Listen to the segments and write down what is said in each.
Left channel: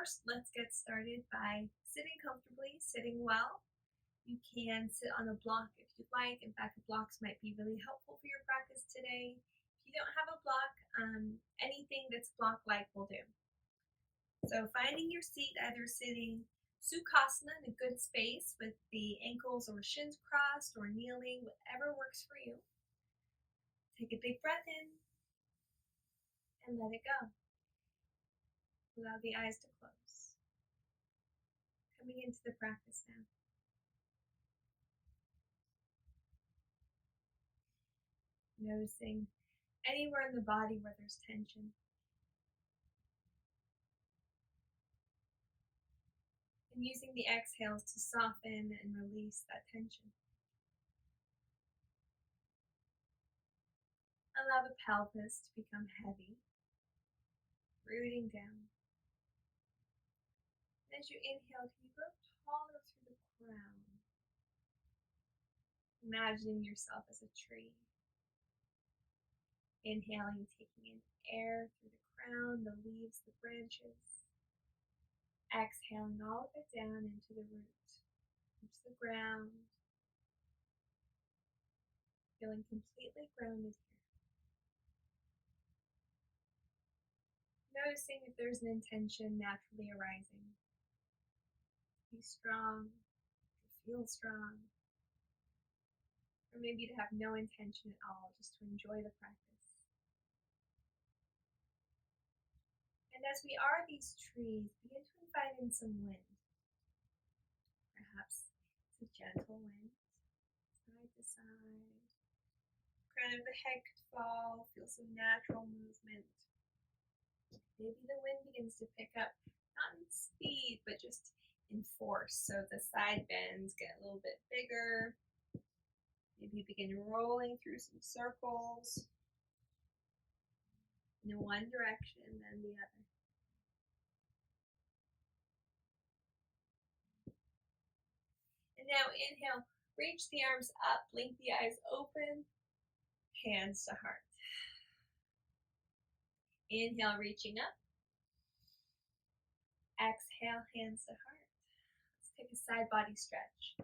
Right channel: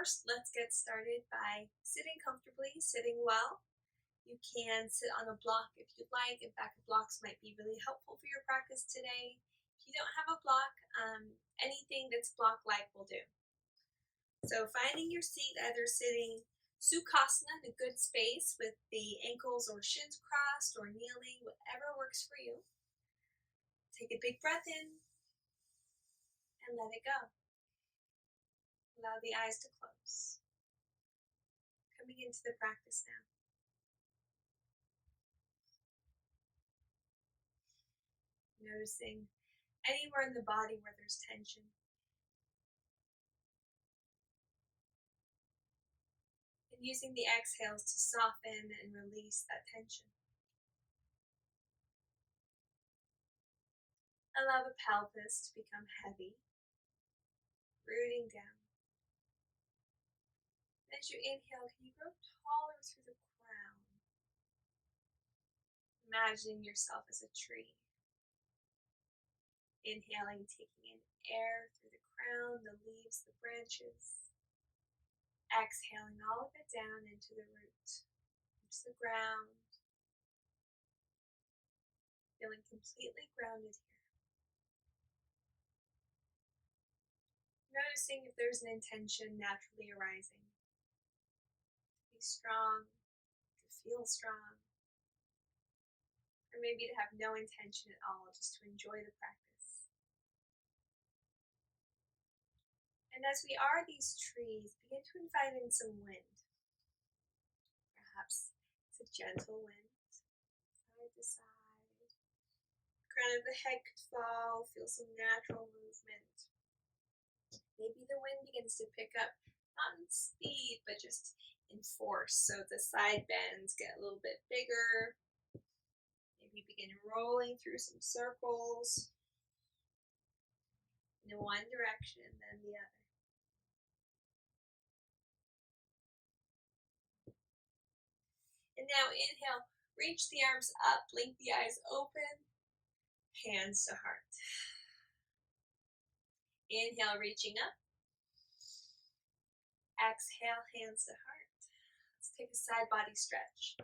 first, let's get started by sitting comfortably, sitting well. You can sit on a block if you'd like. In fact, blocks might be really helpful for your practice today. If you don't have a block, anything that's block-like will do. So finding your seat, either sitting Sukhasana in a good space with the ankles or shins crossed, or kneeling, whatever works for you. Take a big breath in and let it go. Allow the eyes to close. Coming into the practice now. Noticing anywhere in the body where there's tension. And using the exhales to soften and release that tension. Allow the pelvis to become heavy, rooting down. As you inhale, can you grow taller through the crown? Imagining yourself as a tree. Inhaling, taking in air through the crown, the leaves, the branches. Exhaling all of it down into the root, into the ground. Feeling completely grounded here. Noticing if there's an intention naturally arising. Be strong, to feel strong. Or maybe to have no intention at all, just to enjoy the practice. And as we are these trees, begin to invite in some wind. Perhaps it's a gentle wind, side to side. Crown of the head could fall, feel some natural movement. Maybe the wind begins to pick up, not in speed, but just in force. So the side bends get a little bit bigger. Maybe begin rolling through some circles in one direction, then the other. And now inhale, reach the arms up, blink the eyes open, hands to heart. Inhale, reaching up. Exhale, hands to heart. Let's take a side body stretch.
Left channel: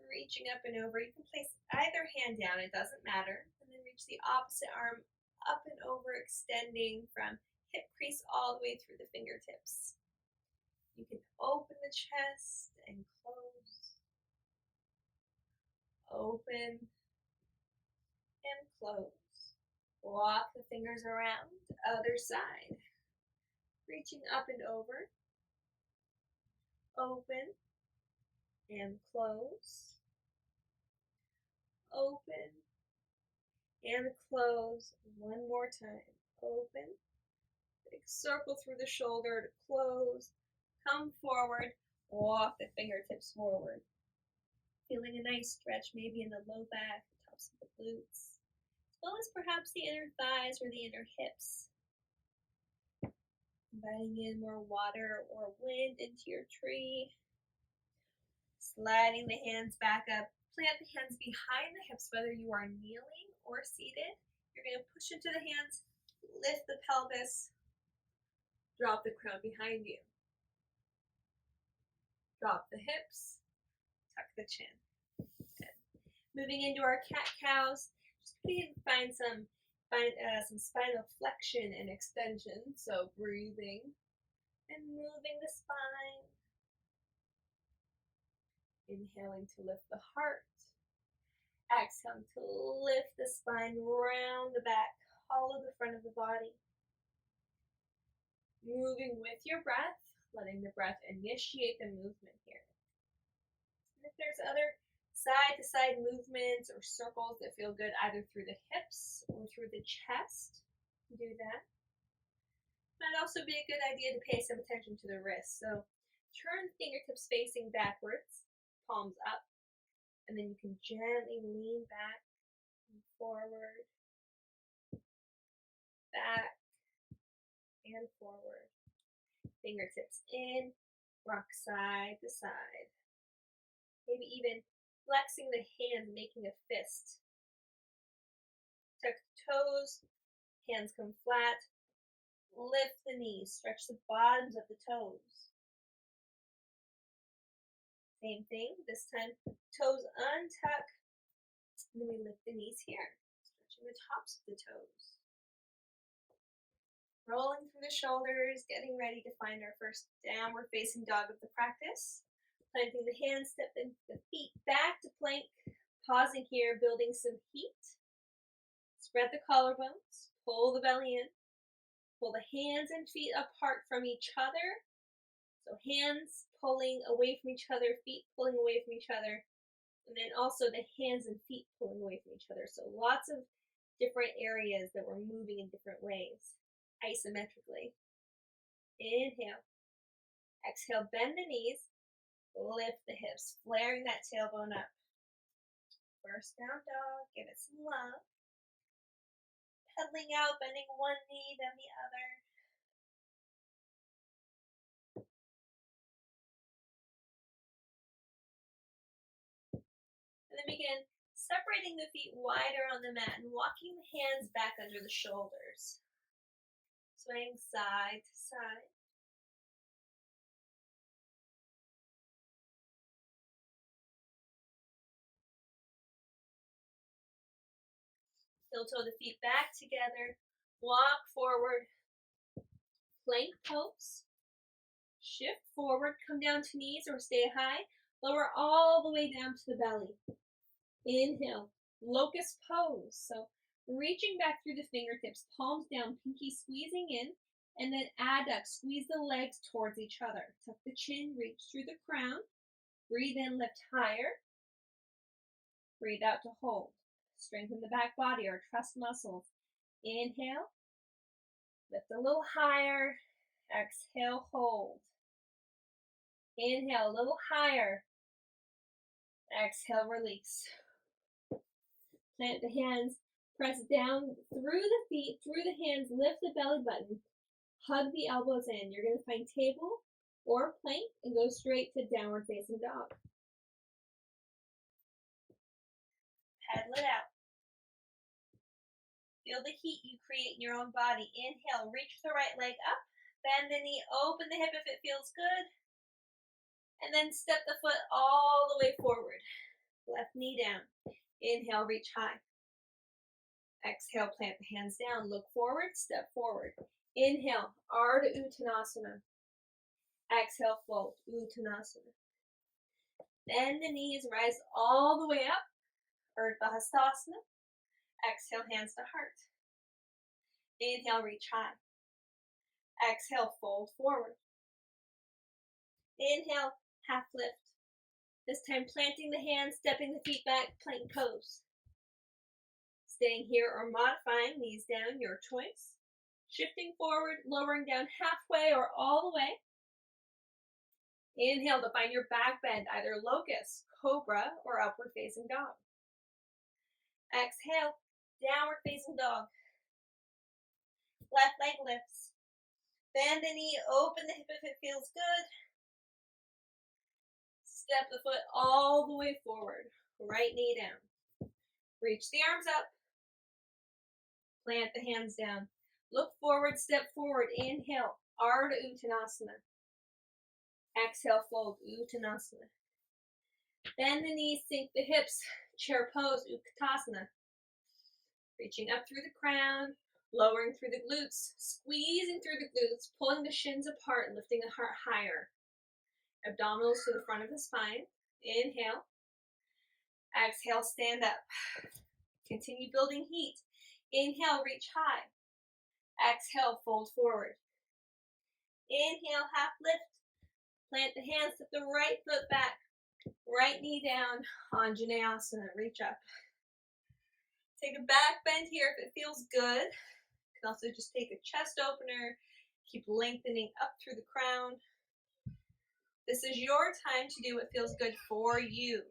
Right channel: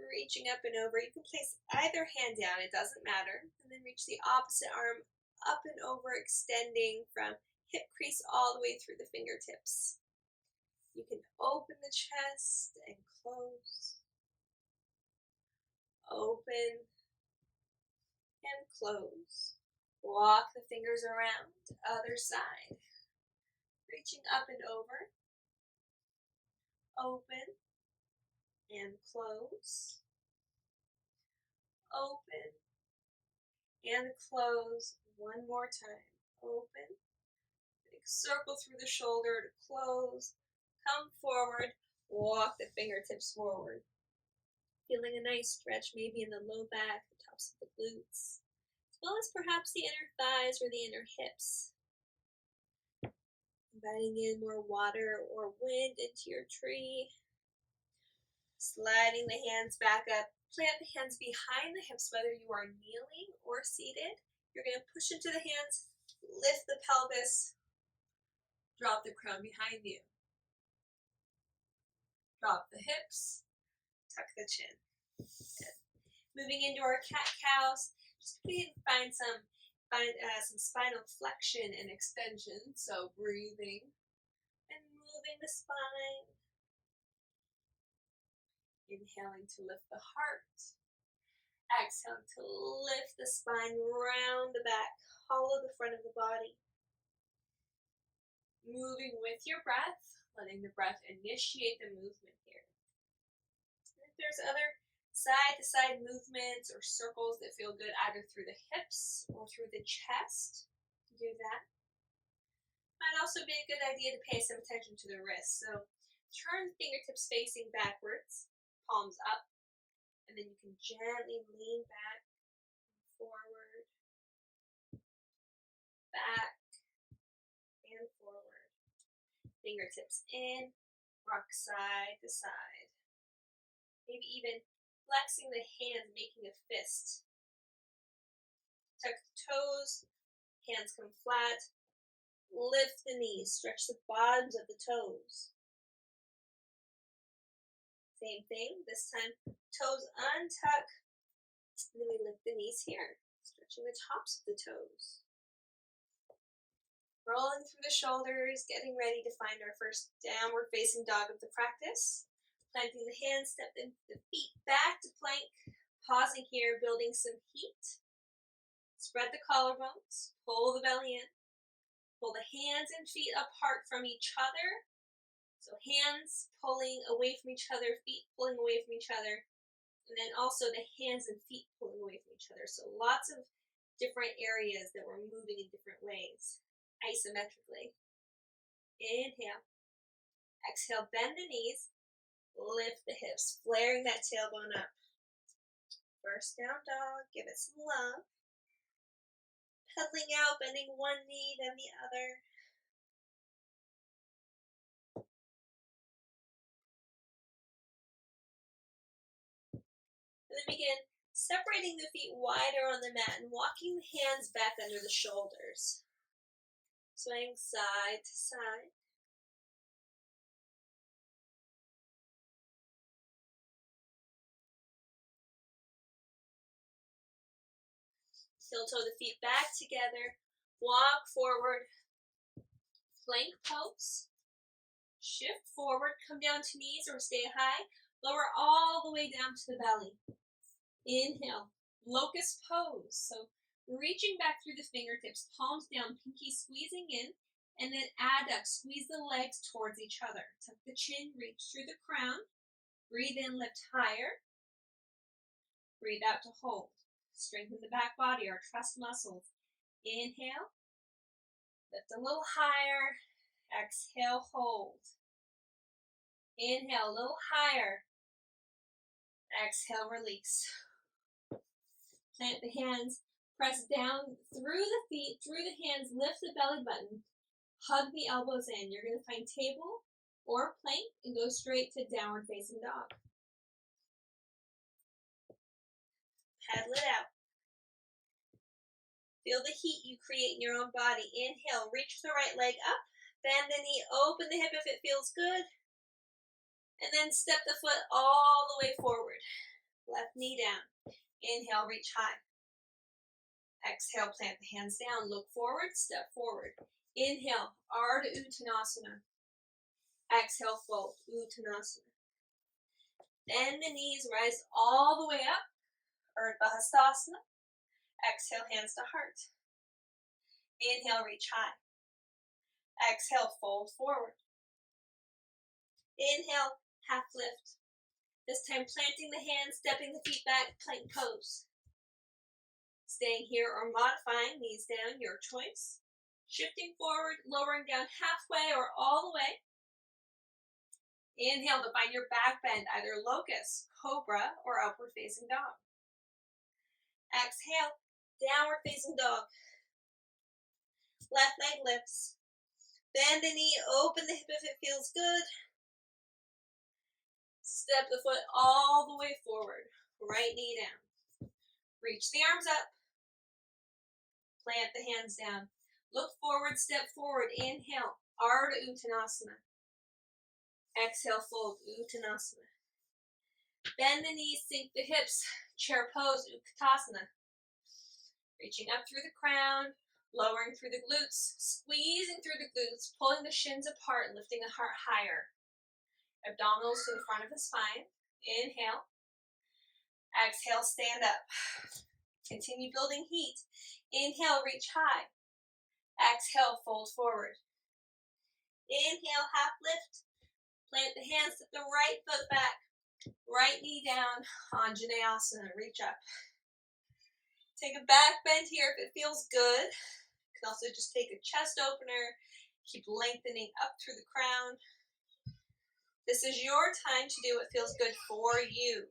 Reaching up and over. You can place either hand down, it doesn't matter. And then reach the opposite arm up and over, extending from hip crease all the way through the fingertips. You can open the chest and close. Open and close. Walk the fingers around, other side. Reaching up and over. Open and close. Open and close. One more time. Open. Big circle through the shoulder to close. Come forward, walk the fingertips forward. Feeling a nice stretch maybe in the low back, the tops of the glutes, as well as perhaps the inner thighs or the inner hips. Inviting in more water or wind into your tree. Sliding the hands back up. Plant the hands behind the hips, whether you are kneeling or seated. You're going to push into the hands, lift the pelvis, drop the crown behind you. Drop the hips, tuck the chin. Good. Moving into our cat-cows, just find some spinal flexion and extension. So breathing and moving the spine. Inhaling to lift the heart. Exhaling to lift the spine, round the back, hollow the front of the body. Moving with your breath. Letting the breath initiate the movement here. And if there's other side-to-side movements or circles that feel good either through the hips or through the chest, do that. Might also be a good idea to pay some attention to the wrists. So turn the fingertips facing backwards, palms up, and then you can gently lean back and forward, back and forward. Fingertips in, rock side to side. Maybe even flexing the hands, making a fist. Tuck the toes, hands come flat, Lift the knees, stretch the bottoms of the toes. Same thing, this time toes untuck, and then we lift the knees here, stretching the tops of the toes. Rolling through the shoulders, getting ready to find our first downward facing dog of the practice. Planting the hands, stepping the feet back to plank, pausing here, building some heat. Spread the collarbones, pull the belly in, pull the hands and feet apart from each other. So hands pulling away from each other, feet pulling away from each other, and then also the hands and feet pulling away from each other. So lots of different areas that we're moving in different ways, isometrically. Inhale. Exhale, bend the knees, lift the hips, flaring that tailbone up. First down dog, give it some love. Pedaling out, bending one knee, then the other. And then begin separating the feet wider on the mat and walking the hands back under the shoulders. Swaying side to side. Heel toe the feet back together. Walk forward. Plank pose. Shift forward. Come down to knees or stay high. Lower all the way down to the belly. Inhale. Locust pose. So reaching back through the fingertips. Palms down. Pinky squeezing in. And then adduct. Squeeze the legs towards each other. Tuck the chin. Reach through the crown. Breathe in. Lift higher. Breathe out to hold. Strengthen the back body, our trust muscles. Inhale. Lift a little higher. Exhale, hold. Inhale, a little higher. Exhale, release. Plant the hands. Press down through the feet, through the hands. Lift the belly button. Hug the elbows in. You're going to find table or plank and go straight to downward facing dog. Pedal it out. Feel the heat you create in your own body. Inhale, reach the right leg up. Bend the knee, open the hip if it feels good. And then step the foot all the way forward. Left knee down. Inhale, reach high. Exhale, plant the hands down. Look forward, step forward. Inhale, Ardha Uttanasana. Exhale, fold, Uttanasana. Bend the knees, rise all the way up. Urdhva Hastasana. Exhale, hands to heart. Inhale, reach high. Exhale, fold forward. Inhale, half lift. This time planting the hands, stepping the feet back, plank pose. Staying here or modifying, knees down, your choice. Shifting forward, lowering down halfway or all the way. Inhale to find your back bend, either locust, cobra, or upward facing dog. Exhale, downward facing dog. Left leg lifts. Bend the knee, open the hip if it feels good. Step the foot all the way forward. Right knee down. Reach the arms up. Plant the hands down. Look forward, step forward. Inhale, Ardha Uttanasana. Exhale, fold, Uttanasana. Bend the knees, sink the hips. Chair pose, Utkatasana. Reaching up through the crown, lowering through the glutes, squeezing through the glutes, pulling the shins apart, lifting the heart higher. Abdominals to the front of the spine. Inhale. Exhale, stand up. Continue building heat. Inhale, reach high. Exhale, fold forward. Inhale, half lift. Plant the hands, step the right foot back. Right knee down, Anjaneyasana, reach up. Take a back bend here if it feels good. You can also just take a chest opener. Keep lengthening up through the crown. This is your time to do what feels good for you.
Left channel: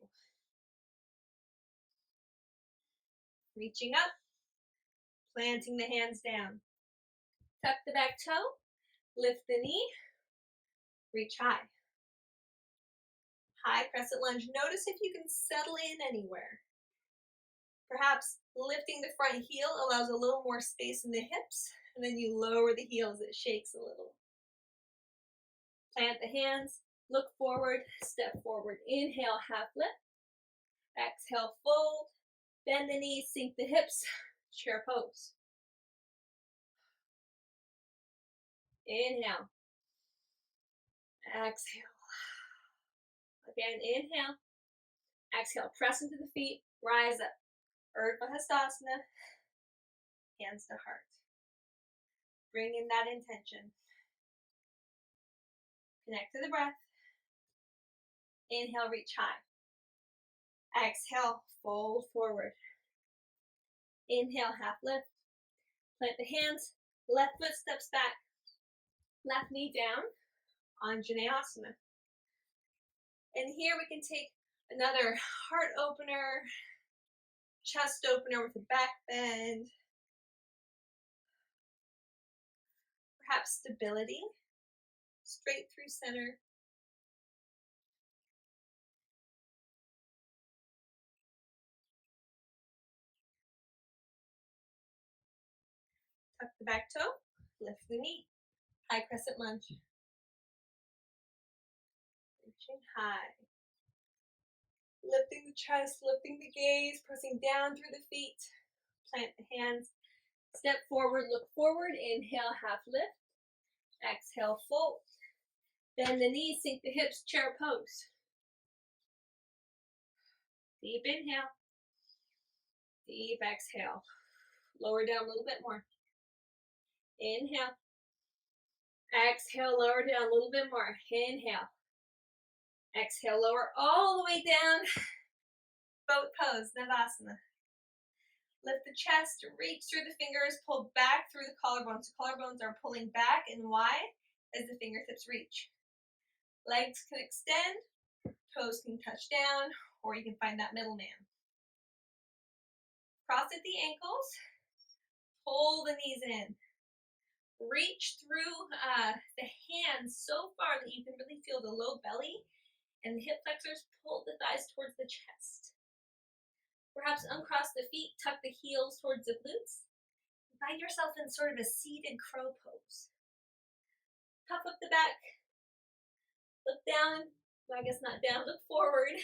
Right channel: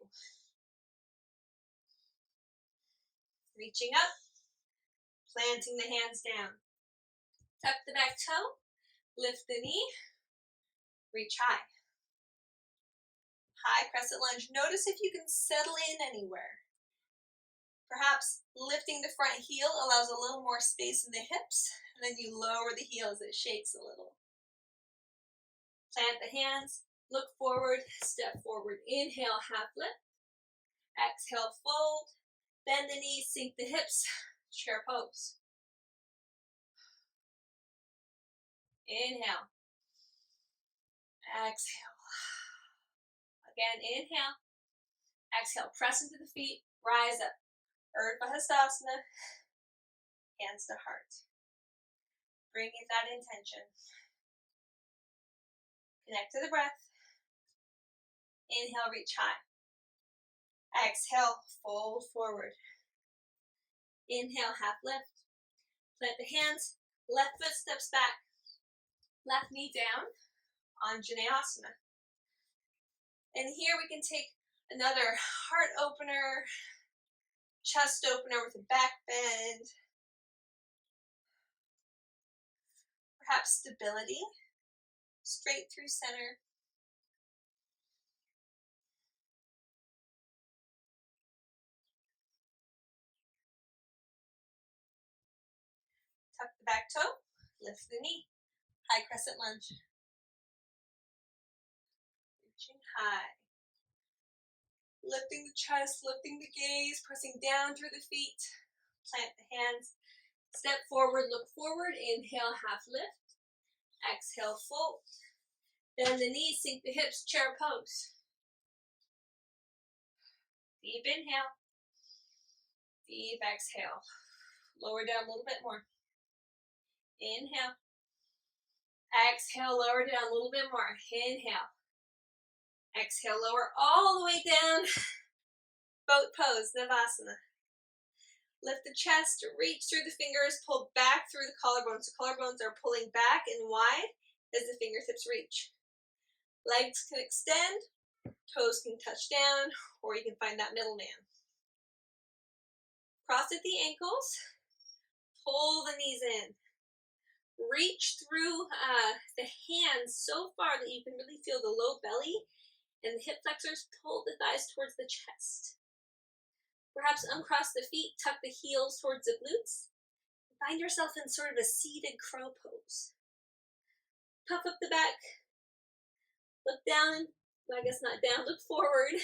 Reaching up, planting the hands down. Tuck the back toe, lift the knee, reach high. High crescent lunge. Notice if you can settle in anywhere. Perhaps lifting the front heel allows a little more space in the hips, and then you lower the heel as it shakes a little. Plant the hands, look forward, step forward. Inhale, half lift. Exhale, fold. Bend the knees, sink the hips, chair pose. Inhale. Exhale. Again, inhale. Exhale, press into the feet, rise up. Urdhva Hastasana, hands to heart. Bring in that intention. Connect to the breath. Inhale, reach high. Exhale, fold forward. Inhale, half lift. Plant the hands, left foot steps back. Left knee down, Anjaneyasana. And here we can take another heart opener, chest opener with a back bend. Perhaps stability, straight through center. Tuck the back toe, lift the knee. High crescent lunge. Reaching high. Lifting the chest, lifting the gaze, pressing down through the feet. Plant the hands. Step forward, look forward. Inhale, half lift. Exhale, fold. Bend the knees, sink the hips, chair pose. Deep inhale. Deep exhale. Lower down a little bit more. Inhale. Exhale, lower down a little bit more. Inhale. Exhale, lower all the way down. Boat pose, Navasana. Lift the chest, reach through the fingers, pull back through the collarbones. The collarbones are pulling back and wide as the fingertips reach. Legs can extend, toes can touch down, or you can find that middleman. Cross at the ankles, pull the knees in. Reach through the hands so far that you can really feel the low belly, and the hip flexors pull the thighs towards the chest. Perhaps uncross the feet, tuck the heels towards the glutes. Find yourself in sort of a seated crow pose. Puff up the back. Look down. Well, I guess not down. Look forward.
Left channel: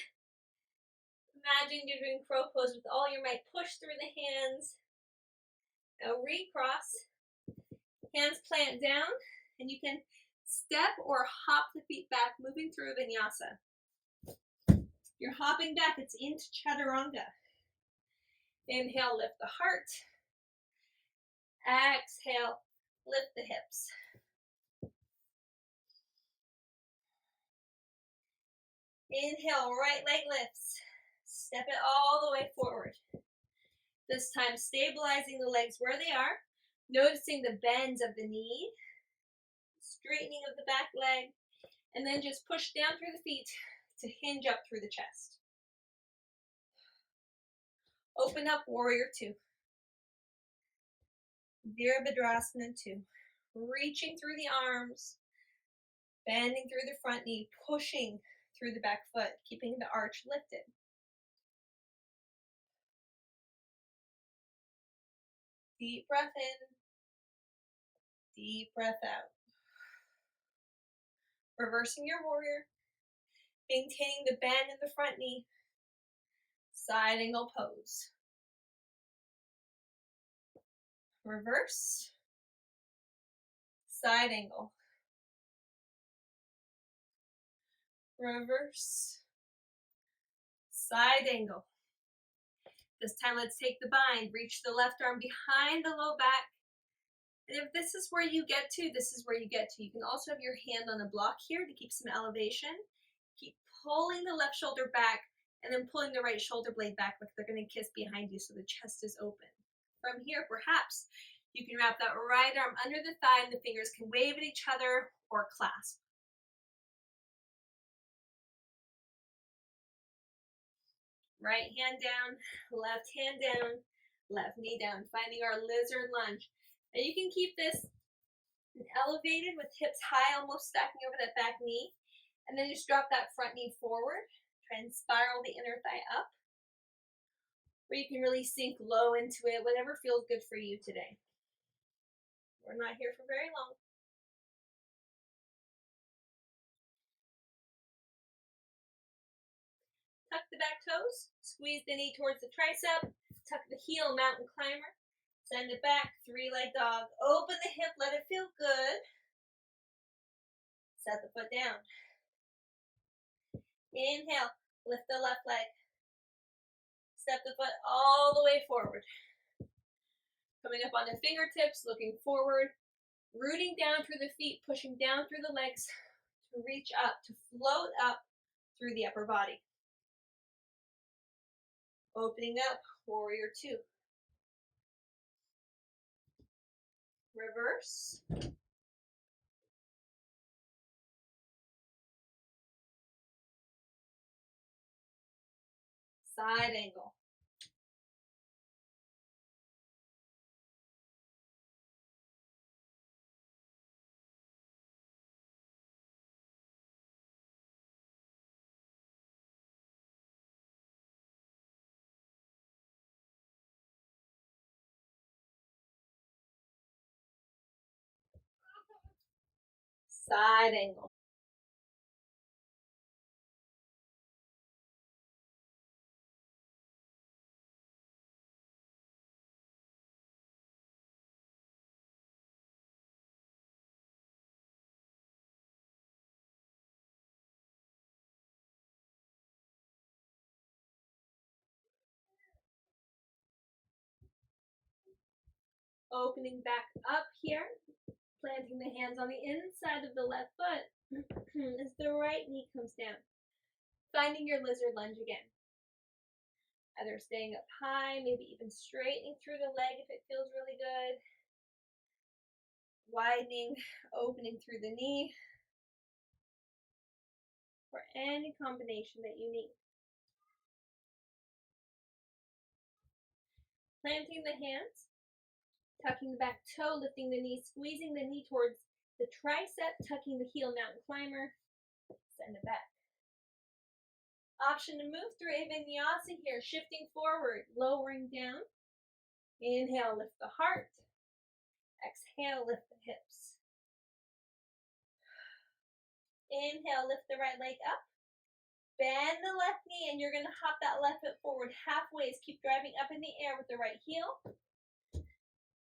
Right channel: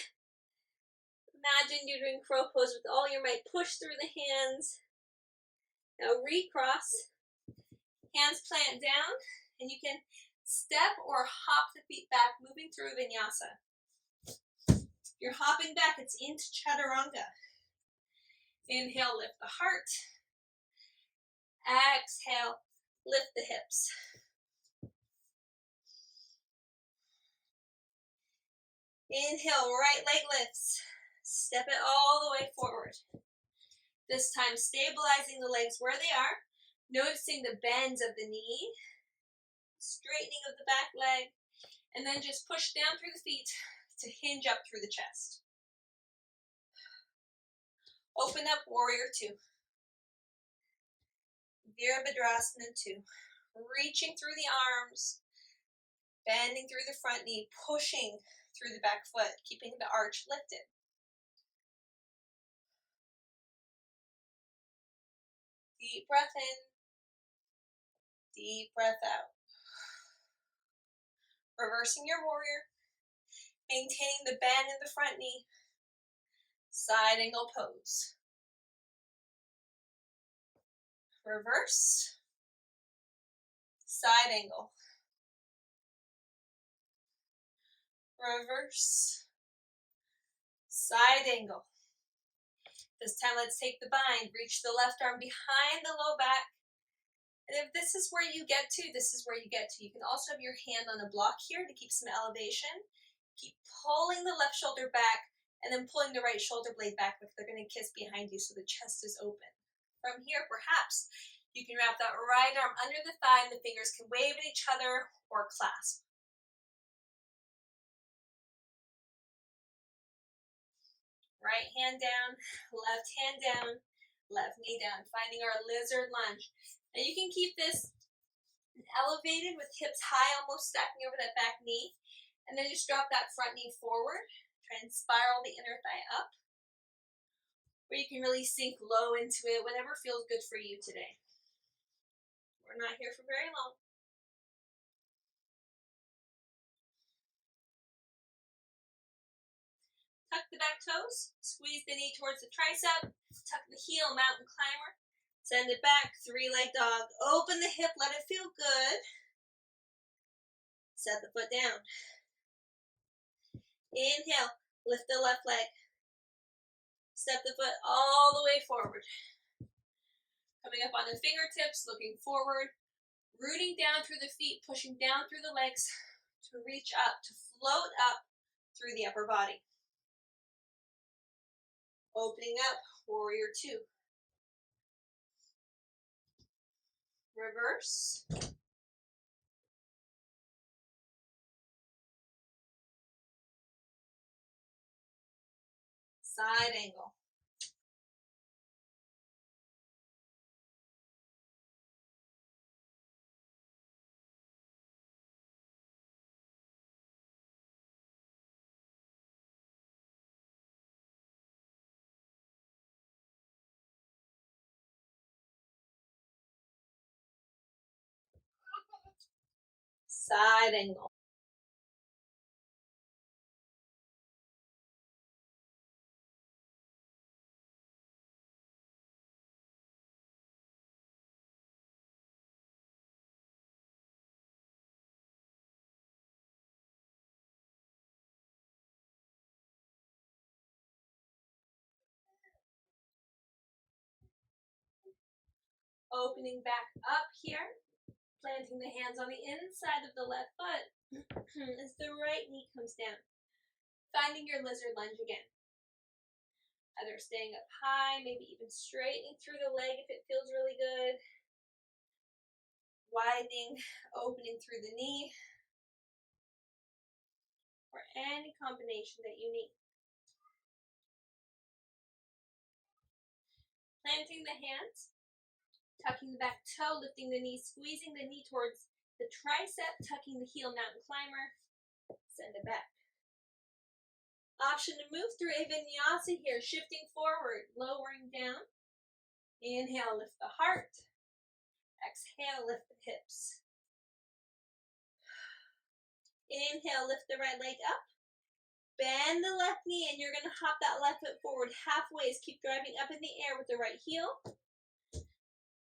Imagine you're doing crow pose with all your might. Push through the hands. Now recross. Hands plant down. And you can step or hop the feet back, moving through vinyasa. You're hopping back. It's into chaturanga. Inhale, lift the heart. Exhale, lift the hips. Inhale, right leg lifts. Step it all the way forward. This time, stabilizing the legs where they are. Noticing the bends of the knee. Straightening of the back leg. And then just push down through the feet to hinge up through the chest. Open up, warrior two. Virabhadrasana 2. Reaching through the arms. Bending through the front knee. Pushing through the back foot. Keeping the arch lifted. Deep breath in. Deep breath out. Reversing your warrior. Maintaining the bend in the front knee. Side angle pose. Reverse. Side angle. Reverse. Side angle. This time let's take the bind. Reach the left arm behind the low back. And if this is where you get to, this is where you get to. You can also have your hand on a block here to keep some elevation. Keep pulling the left shoulder back and then pulling the right shoulder blade back like they're going to kiss behind you so the chest is open. From here, perhaps you can wrap that right arm under the thigh and the fingers can wave at each other or clasp. Right hand down, left hand down, left knee down, finding our lizard lunge. And you can keep this elevated with hips high, almost stacking over that back knee. And then just drop that front knee forward. Try and spiral the inner thigh up. where you can really sink low into it, whatever feels good for you today. We're not here for very long. Tuck the back toes, squeeze the knee towards the tricep, tuck the heel, mountain climber, send it back, three-leg dog. Open the hip, let it feel good. Set the foot down. Inhale, lift the left leg. Step the foot all the way forward. Coming up on the fingertips, looking forward, rooting down through the feet, pushing down through the legs to reach up, to float up through the upper body. Opening up, warrior two. Reverse. Side angle. Side angle. Opening back up here, planting the hands on the inside of the left foot as the right knee comes down. Finding your lizard lunge again. Either staying up high, maybe even straightening through the leg if it feels really good. Widening, opening through the knee, or any combination that you need. Planting the hands, tucking the back toe, lifting the knee, squeezing the knee towards the tricep, tucking the heel, mountain climber, send it back. Option to move through a vinyasa here, shifting forward, lowering down. Inhale, lift the heart. Exhale, lift the hips. Inhale, lift the right leg up. Bend the left knee, and you're going to hop that left foot forward halfway. Keep driving up in the air with the right heel.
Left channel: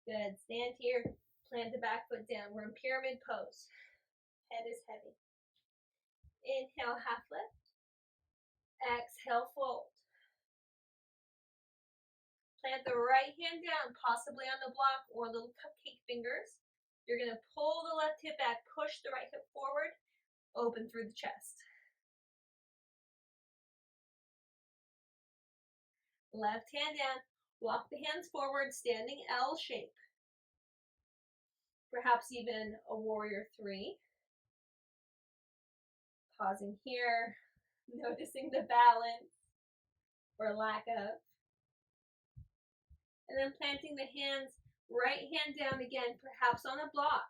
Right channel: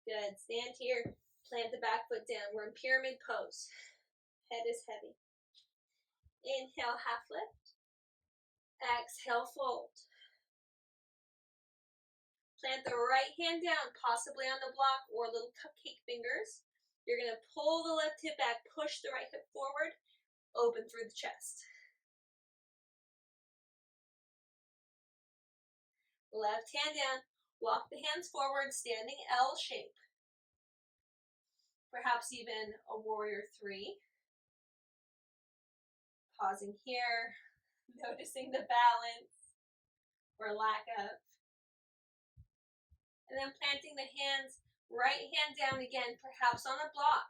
Good. Stand here. Plant the back foot down. We're in pyramid pose. Head is heavy. Inhale, half lift. Exhale, fold. Plant the right hand down, possibly on the block or little cupcake fingers. You're going to pull the left hip back, push the right hip forward, open through the chest. Left hand down, walk the hands forward, standing L shape. Perhaps even a warrior three. Pausing here, noticing the balance or lack of. And then planting the hands, right hand down again, perhaps on a block.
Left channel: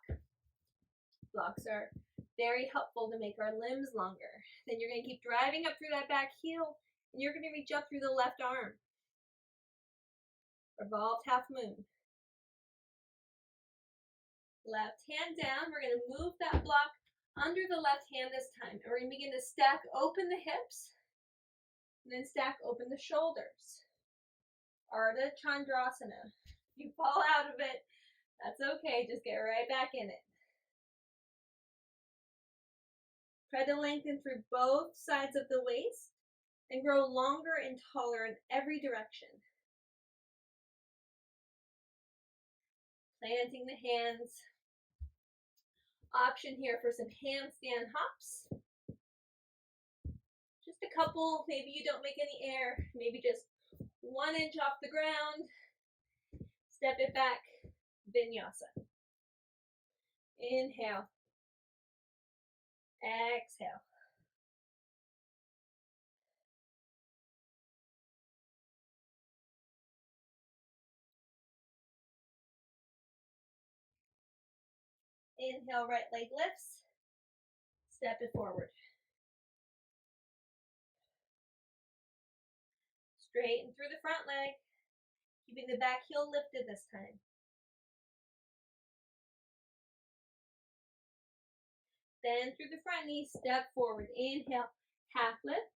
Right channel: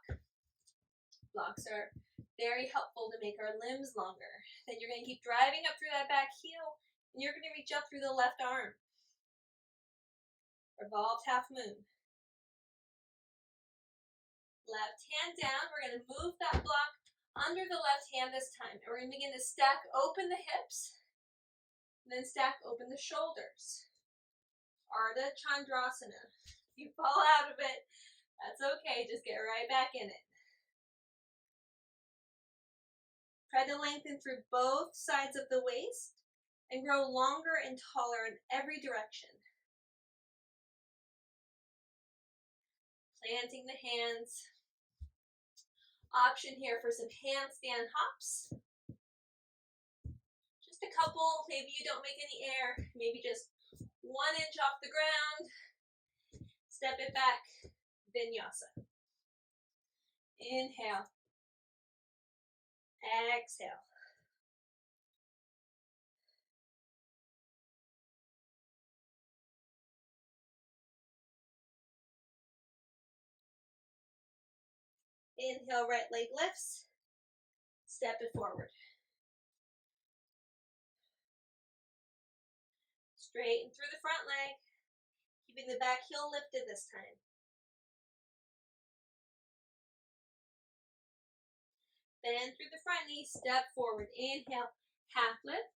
Blocks are very helpful to make our limbs longer. Then you're going to keep driving up through that back heel, and you're going to reach up through the left arm. Revolved half moon. Left hand down. We're going to move that block under the left hand this time. And we're going to begin to stack open the hips, and then stack open the shoulders. Ardha Chandrasana. If you fall out of it, that's okay. Just get right back in it. Try to lengthen through both sides of the waist and grow longer and taller in every direction. Planting the hands. Option here for some handstand hops. Just a couple, maybe you don't make any air, maybe just 1 inch off the ground. Step it back, vinyasa. Inhale. Exhale. Inhale, right leg lifts. Step it forward. Straighten through the front leg, keeping the back heel lifted this time. Bend through the front knee, step forward. Inhale, half lift.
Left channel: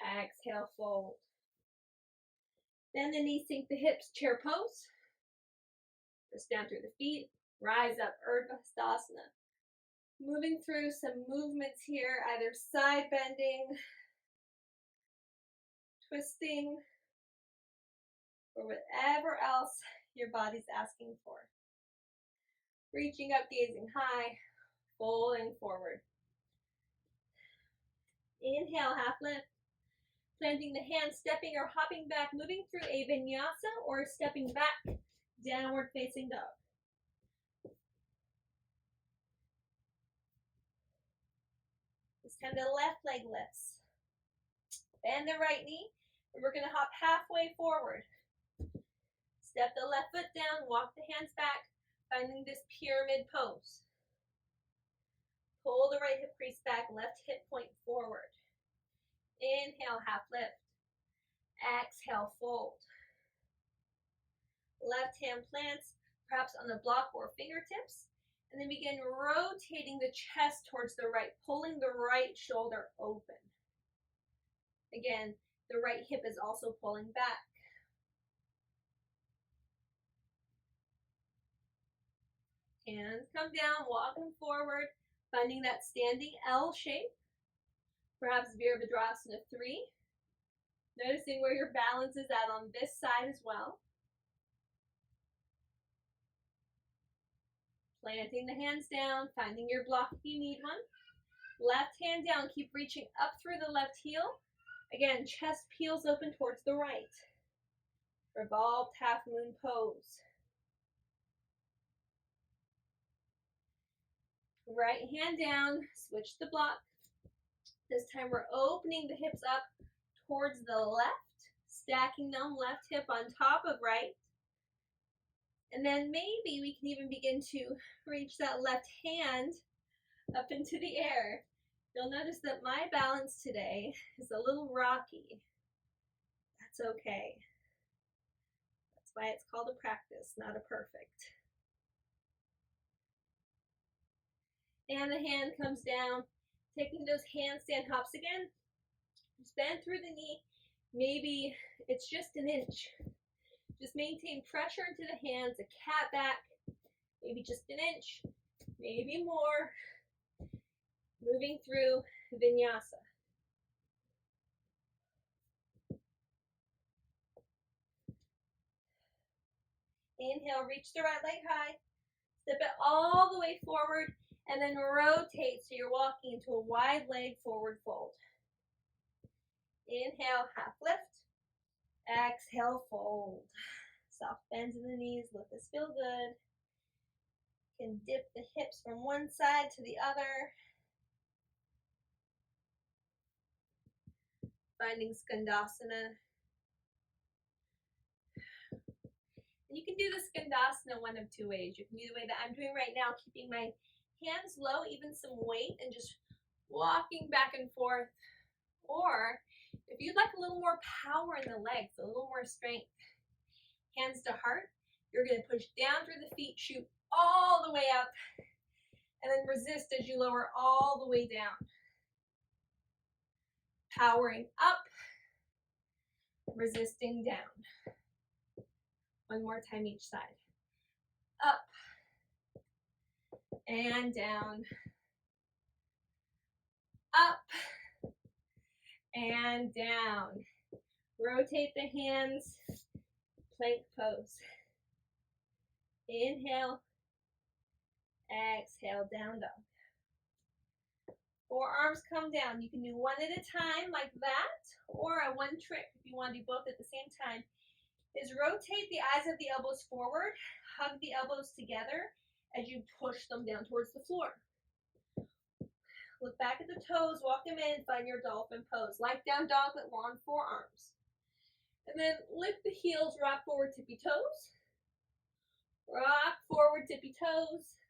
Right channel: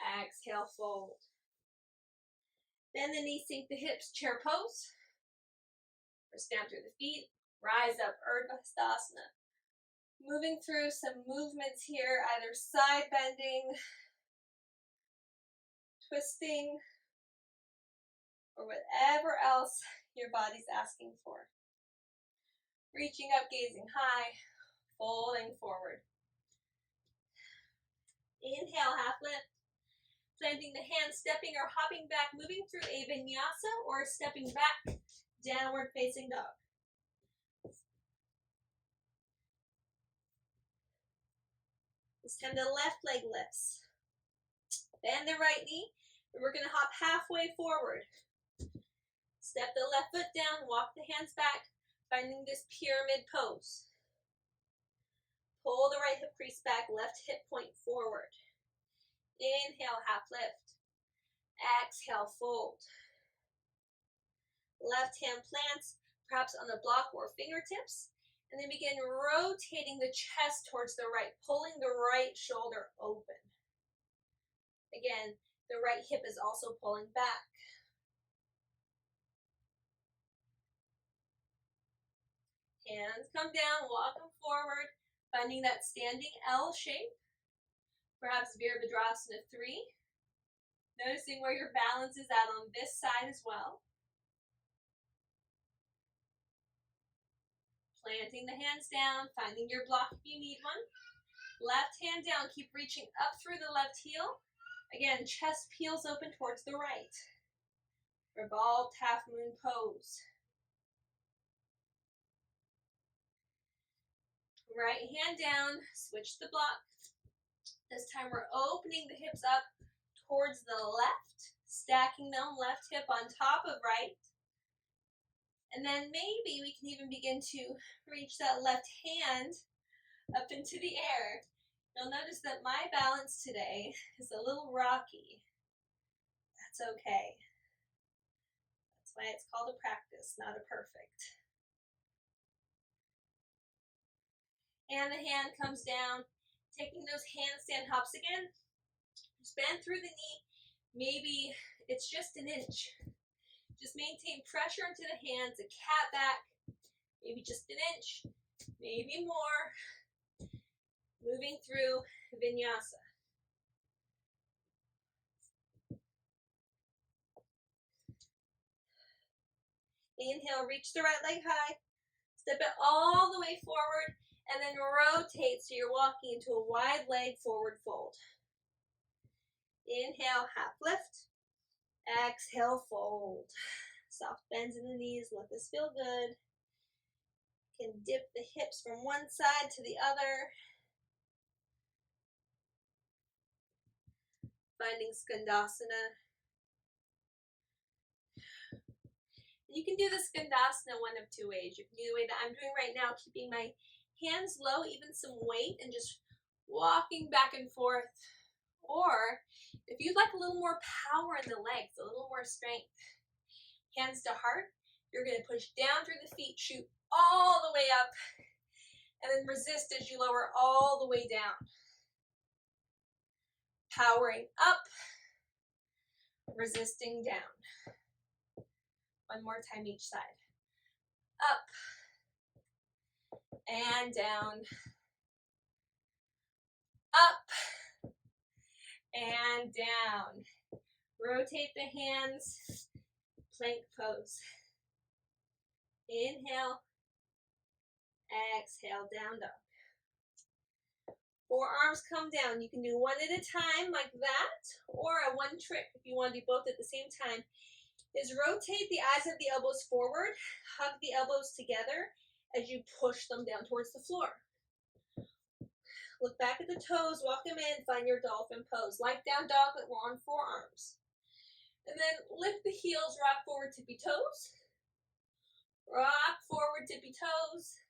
Exhale, fold. Bend the knees, sink the hips, chair pose. Press down through the feet, rise up, Urdhva Hastasana. Moving through some movements here, either side bending, twisting, or whatever else your body's asking for. Reaching up, gazing high, folding forward. Inhale, half lift. Planting the hands, stepping or hopping back, moving through a vinyasa or stepping back, downward facing dog. This time the left leg lifts. Bend the right knee, and we're going to hop halfway forward. Step the left foot down, walk the hands back, finding this pyramid pose. Pull the right hip crease back, left hip point forward. Inhale, half lift. Exhale, fold. Left hand plants, perhaps on the block or fingertips, and then begin rotating the chest towards the right, pulling the right shoulder open. Again, the right hip is also pulling back. Hands come down, walk them forward, finding that standing L shape. Perhaps Virabhadrasana 3. Noticing where your balance is at on this side as well. Planting the hands down, finding your block if you need one. Left hand down, keep reaching up through the left heel. Again, chest peels open towards the right. Revolved half moon pose. Right hand down, switch the block. This time we're opening the hips up towards the left, stacking them, left hip on top of right. And then maybe we can even begin to reach that left hand up into the air. You'll notice that my balance today is a little rocky. That's okay. That's why it's called a practice, not a perfect. And the hand comes down, taking those handstand hops again. Just bend through the knee. Maybe it's just an inch. Just maintain pressure into the hands, a cat back, maybe just an inch, maybe more. Moving through vinyasa. Inhale, reach the right leg high, step it all the way forward, and then rotate so you're walking into a wide leg forward fold. Inhale, half lift. Exhale, fold. Soft bends in the knees, let this feel good. You can dip the hips from one side to the other. Finding Skandasana. You can do the Skandasana one of two ways. You can do the way that I'm doing right now, keeping my hands low, even some weight, and just walking back and forth. Or if you'd like a little more power in the legs, a little more strength, hands to heart, you're going to push down through the feet, shoot all the way up, and then resist as you lower all the way down. Powering up, resisting down. One more time each side. Up and down. Up and down. Rotate the hands, plank pose. Inhale, exhale, down dog. Forearms come down. You can do one at a time like that, or a one trick if you want to do both at the same time, is rotate the eyes of the elbows forward, hug the elbows together as you push them down towards the floor. Look back at the toes, walk them in, find your dolphin pose. Like down dog, but we're on forearms. And then lift the heels, rock forward, tippy toes. Rock forward, tippy toes.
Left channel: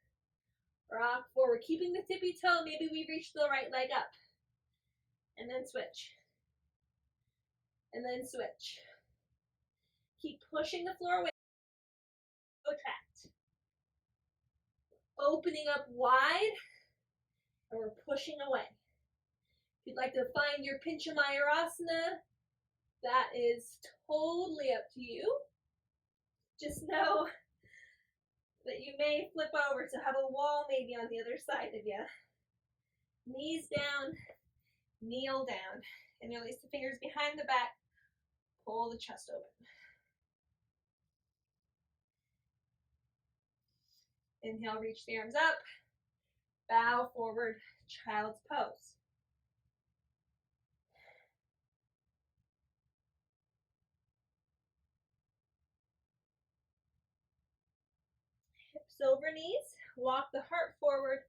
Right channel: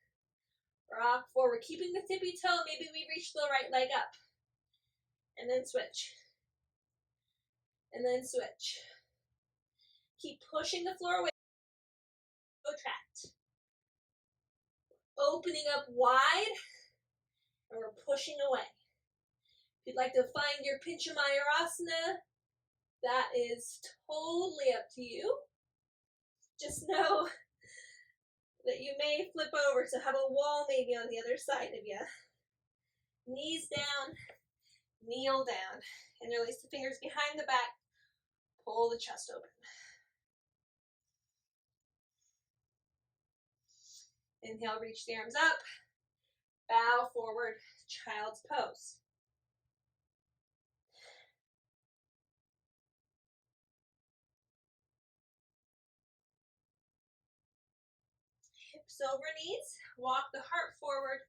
Rock forward, keeping the tippy toe. Maybe we reach the right leg up. And then switch. and then switch. Keep pushing the floor away. Protract. Opening up wide, and we're pushing away. If you'd like to find your Pincha Mayurasana, that is totally up to you. Just know that you may flip over to have a wall maybe on the other side of you. Knees down, kneel down, and release the fingers behind the back. Pull the chest open. Inhale, reach the arms up. Bow forward, child's pose. Hips over knees. Walk the heart forward,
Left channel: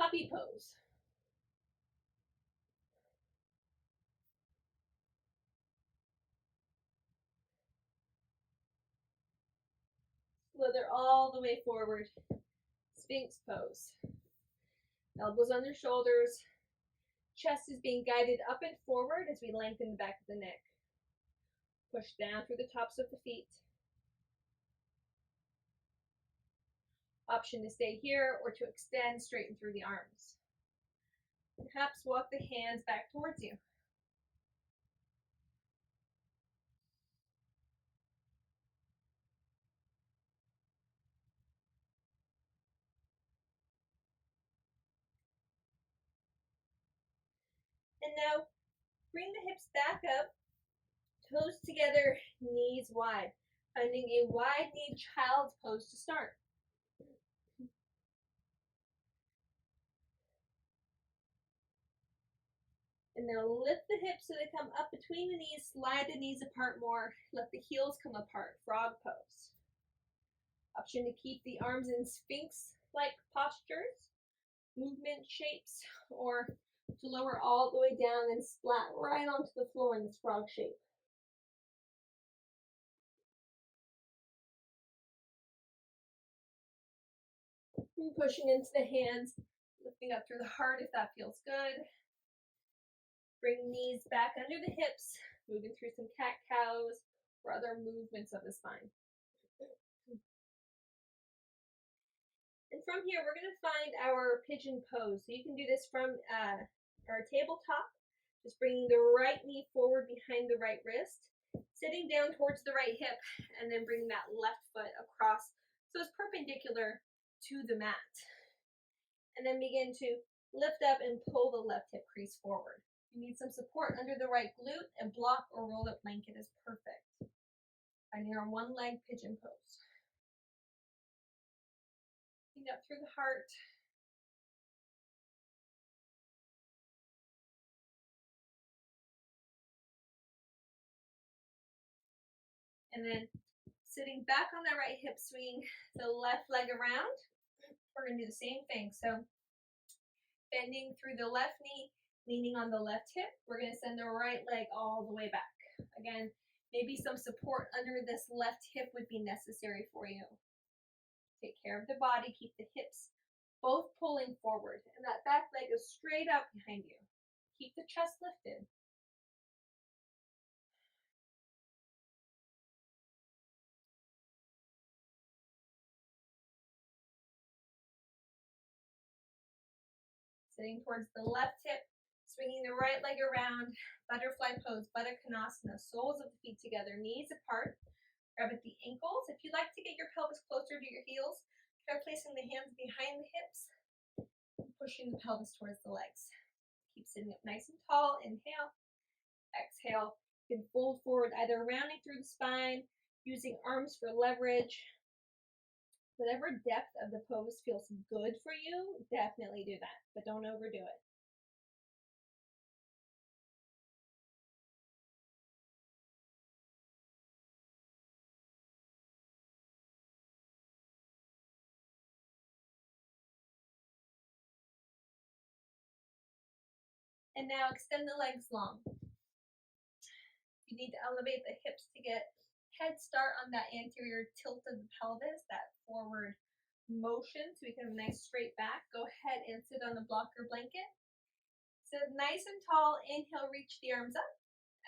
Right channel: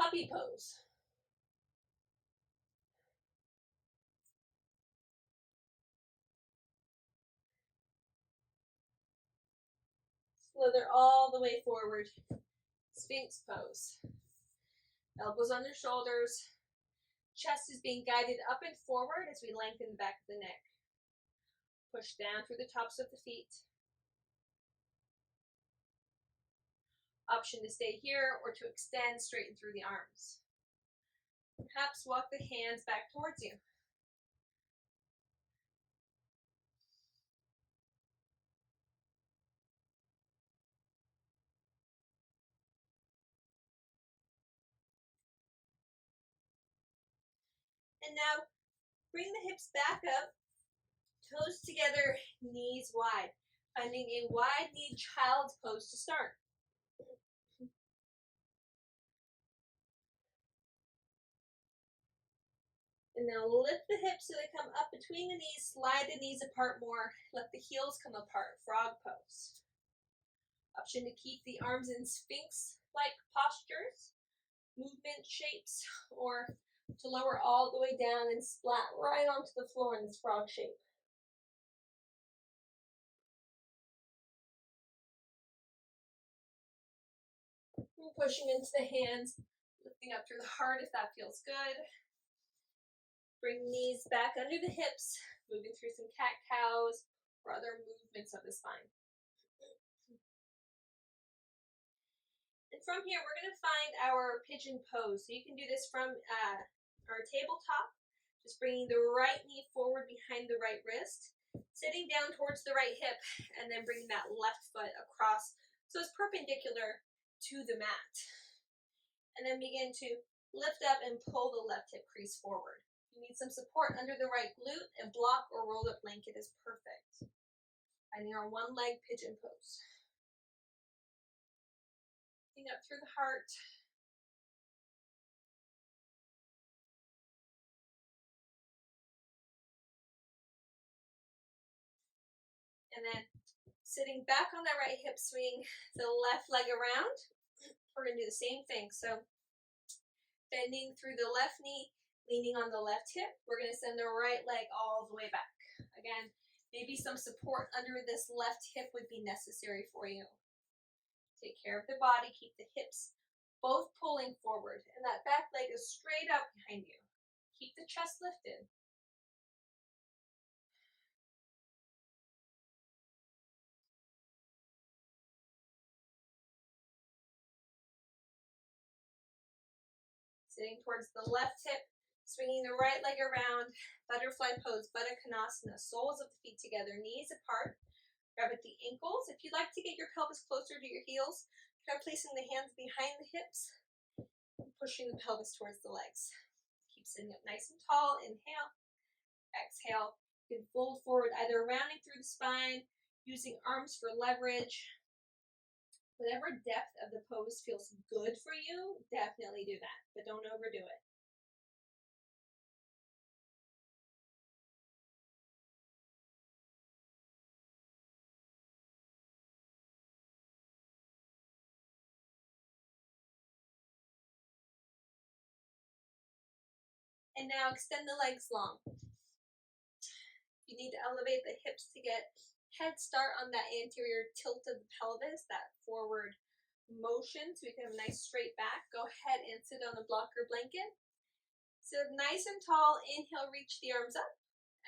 puppy pose. Slither all the way forward, Sphinx pose. Elbows on your shoulders. Chest is being guided up and forward as we lengthen the back of the neck. Push down through the tops of the feet. Option to stay here or to extend, straighten through the arms. Perhaps walk the hands back towards you. And now bring the hips back up, toes together, knees wide. Finding a wide-kneed child's pose to start. And now lift the hips so they come up between the knees, slide the knees apart more, let the heels come apart, frog pose. Option to keep the arms in Sphinx-like postures, movement shapes, or to lower all the way down and splat right onto the floor in this frog shape. And pushing into the hands, lifting up through the heart if that feels good. Bring knees back under the hips, moving through some cat-cows or other movements of the spine. And from here, we're going to find our pigeon pose. So you can do this from our tabletop, just bringing the right knee forward behind the right wrist, sitting down towards the right hip, and then bringing that left foot across so it's perpendicular to the mat. And then begin to lift up and pull the left hip crease forward. If you need some support under the right glute, and block or rolled up blanket is perfect. Finding our one leg pigeon pose. Lifting up through the heart. And then sitting back on that right hip, swing the left leg around. We're going to do the same thing. So bending through the left knee, leaning on the left hip. We're going to send the right leg all the way back. Again, maybe some support under this left hip would be necessary for you. Take care of the body. Keep the hips both pulling forward. And that back leg is straight out behind you. Keep the chest lifted. Sitting towards the left hip, swinging the right leg around, butterfly pose, Baddha Konasana, soles of the feet together, knees apart. Grab at the ankles. If you'd like to get your pelvis closer to your heels, try placing the hands behind the hips and pushing the pelvis towards the legs. Keep sitting up nice and tall. Inhale. Exhale. You can fold forward, either rounding through the spine, using arms for leverage. Whatever depth of the pose feels good for you, definitely do that, but don't overdo it. And now extend the legs long. You need to elevate the hips to get head start on that anterior tilt of the pelvis, that forward motion, so we can have a nice straight back. Go ahead and sit on a block or blanket. Sit up nice and tall. Inhale, reach the arms up.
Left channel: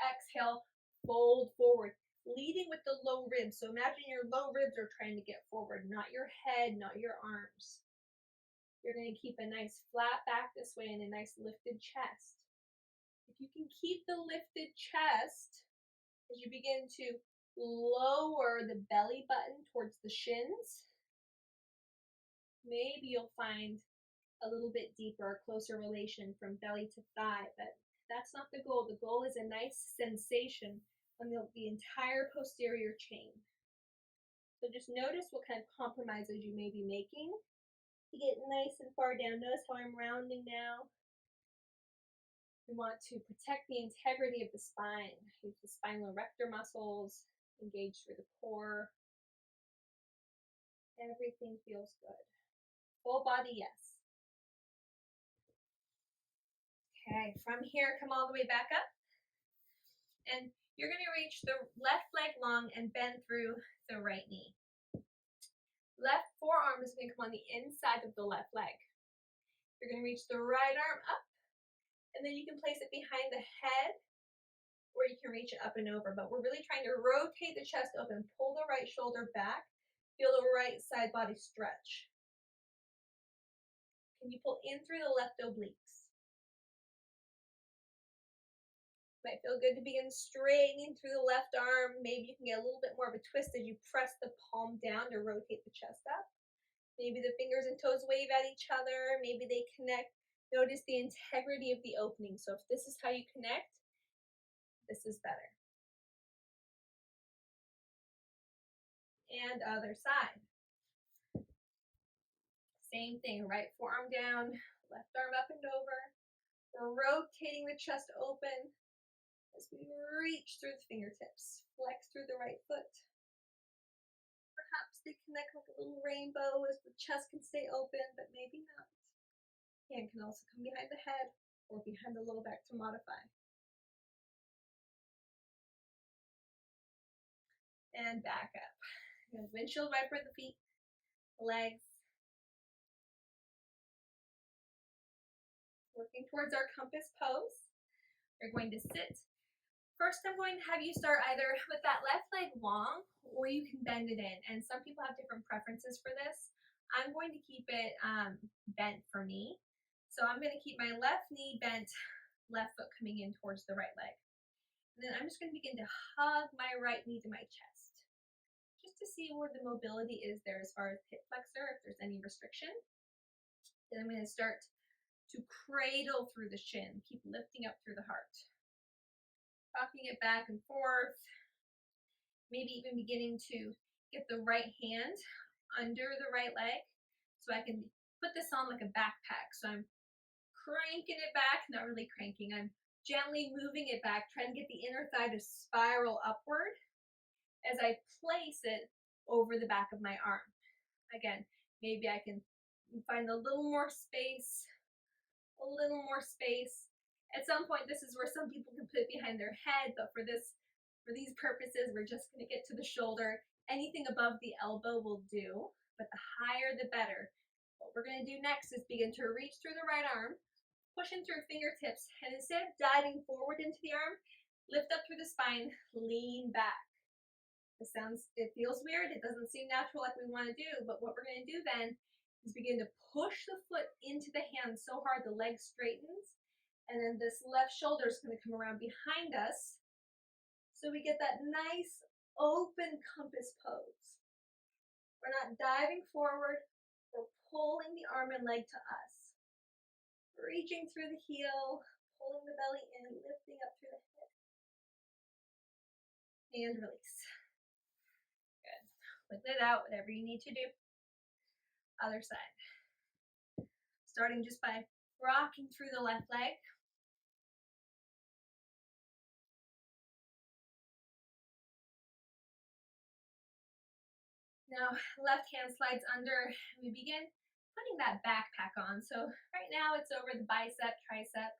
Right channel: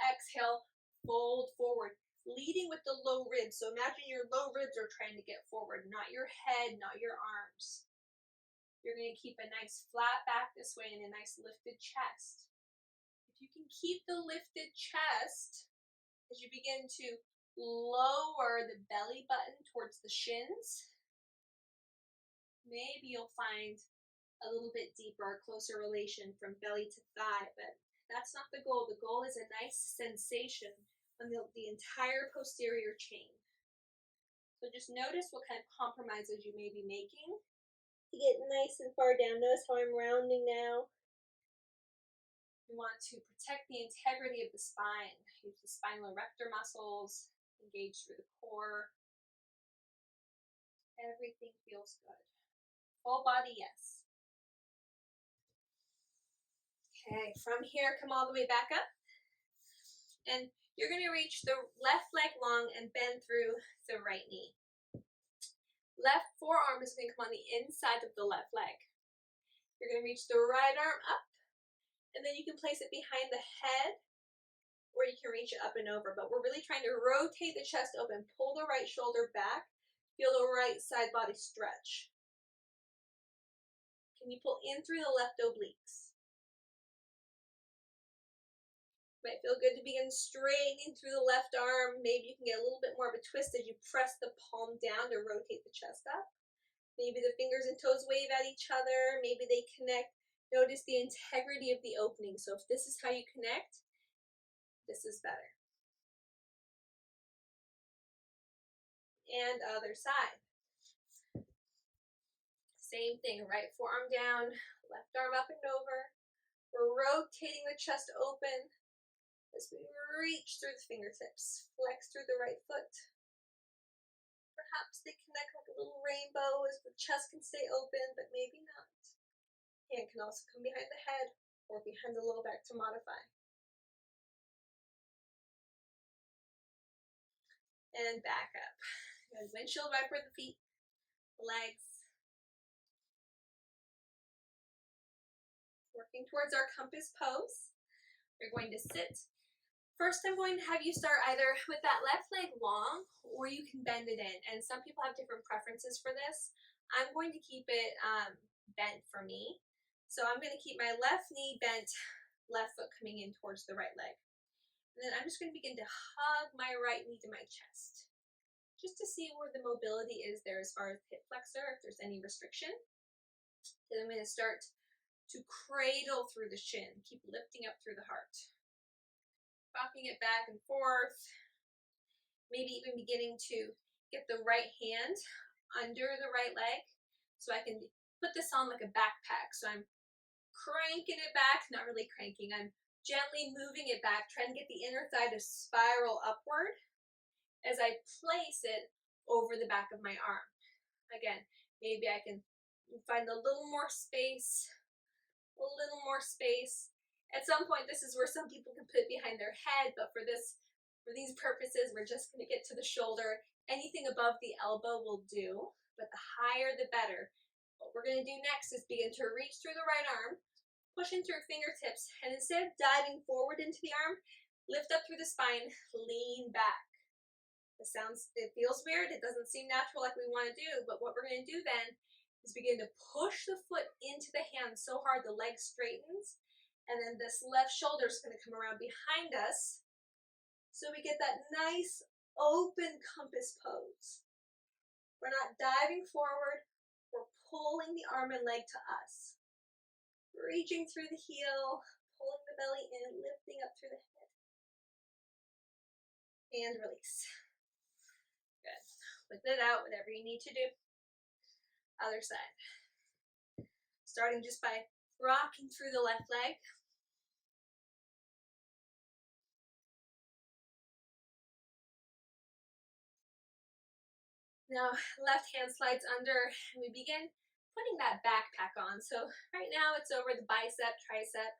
Exhale, fold forward, leading with the low ribs. So imagine your low ribs are trying to get forward, not your head, not your arms. You're going to keep a nice flat back this way and a nice lifted chest. If you can keep the lifted chest as you begin to lower the belly button towards the shins, maybe you'll find a little bit deeper, closer relation from belly to thigh, but that's not the goal. The goal is a nice sensation on the entire posterior chain. So just notice what kind of compromises you may be making. You get nice and far down. Notice how I'm rounding now. We want to protect the integrity of the spine. Use the spinal erector muscles, engage through the core. Everything feels good. Full body, yes. Okay, from here, come all the way back up. And you're going to reach the left leg long and bend through the right knee. Left forearm is going to come on the inside of the left leg. You're going to reach the right arm up, and then you can place it behind the head, or you can reach it up and over. But we're really trying to rotate the chest open, pull the right shoulder back, feel the right side body stretch. Can you pull in through the left obliques? Might feel good to begin straightening through the left arm. Maybe you can get a little bit more of a twist as you press the palm down to rotate the chest up. Maybe the fingers and toes wave at each other. Maybe they connect. Notice the integrity of the opening. So if this is how you connect, this is better. And other side. Same thing, right forearm down, left arm up and over. We're rotating the chest open as we reach through the fingertips, flex through the right foot. Perhaps they connect like a little rainbow as the chest can stay open, but maybe not. Hand can also come behind the head or behind the low back to modify. And back up. Good. Windshield wiper the feet, legs. Working towards our compass pose. You're going to sit. First, I'm going to have you start either with that left leg long, or you can bend it in. And some people have different preferences for this. I'm going to keep it bent for me. So I'm going to keep my left knee bent, left foot coming in towards the right leg. And then I'm just going to begin to hug my right knee to my chest, just to see where the mobility is there as far as hip flexor, if there's any restriction. Then I'm going to start to cradle through the shin, keep lifting up through the heart. Rocking it back and forth, maybe even beginning to get the right hand under the right leg so I can put this on like a backpack. So I'm cranking it back, not really cranking, I'm gently moving it back, trying to get the inner thigh to spiral upward as I place it over the back of my arm. Again, maybe I can find a little more space, At some point, this is where some people can put it behind their head, but for these purposes, we're just going to get to the shoulder. Anything above the elbow will do, but the higher the better. What we're going to do next is begin to reach through the right arm, pushing through fingertips, and instead of diving forward into the arm, lift up through the spine, lean back. It feels weird, it doesn't seem natural like we want to do, but what we're going to do then is begin to push the foot into the hand so hard the leg straightens, and then this left shoulder is going to come around behind us, so we get that nice open compass pose. We're not diving forward, we're pulling the arm and leg to us. Reaching through the heel, pulling the belly in, lifting up through the head. And release. Good. With it out, whatever you need to do. Other side. Starting just by rocking through the left leg. Now, left hand slides under, and we begin putting that backpack on. So right now it's over the bicep, tricep,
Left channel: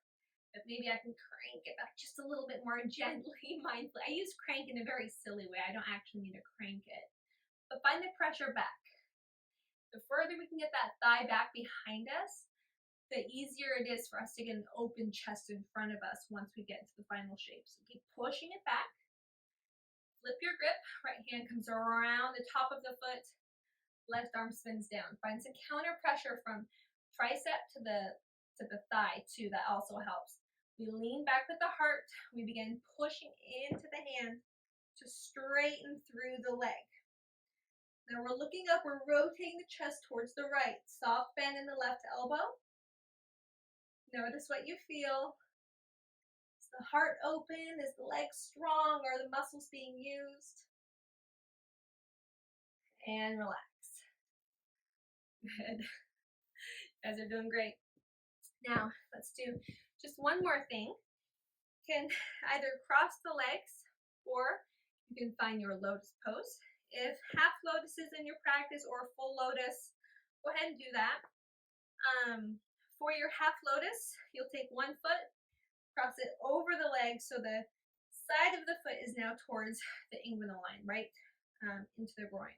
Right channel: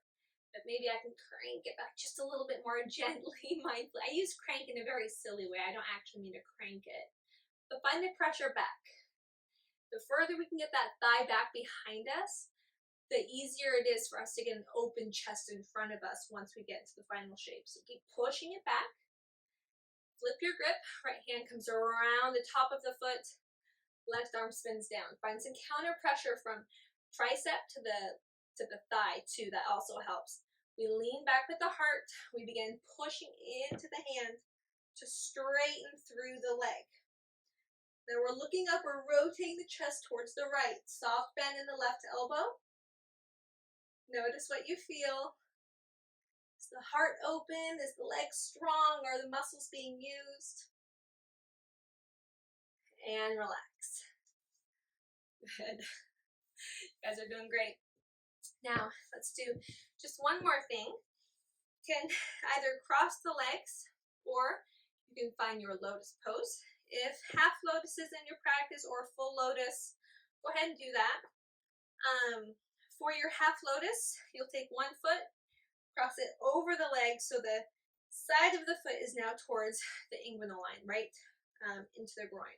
but maybe I can crank it back just a little bit more gently, mindfully. I use crank in a very silly way. I don't actually mean to crank it, but find the pressure back. The further we can get that thigh back behind us, the easier it is for us to get an open chest in front of us once we get into the final shape. So keep pushing it back. flip your grip. Right hand comes around the top of the foot. Left arm spins down. Find some counter pressure from tricep to the thigh too. That also helps. We lean back with the heart. We begin pushing into the hand to straighten through the leg. Then we're looking up, we're rotating the chest towards the right. Soft bend in the left elbow. Notice what you feel. Is the heart open? Is the leg strong? Are the muscles being used? And relax. Good. You guys are doing great. Now, let's do just one more thing. You can either cross the legs or you can find your lotus pose. If half lotus is in your practice or full lotus, go ahead and do that. For your half lotus, you'll take one foot, cross it over the leg so the side of the foot is now towards the inguinal line, right into the groin.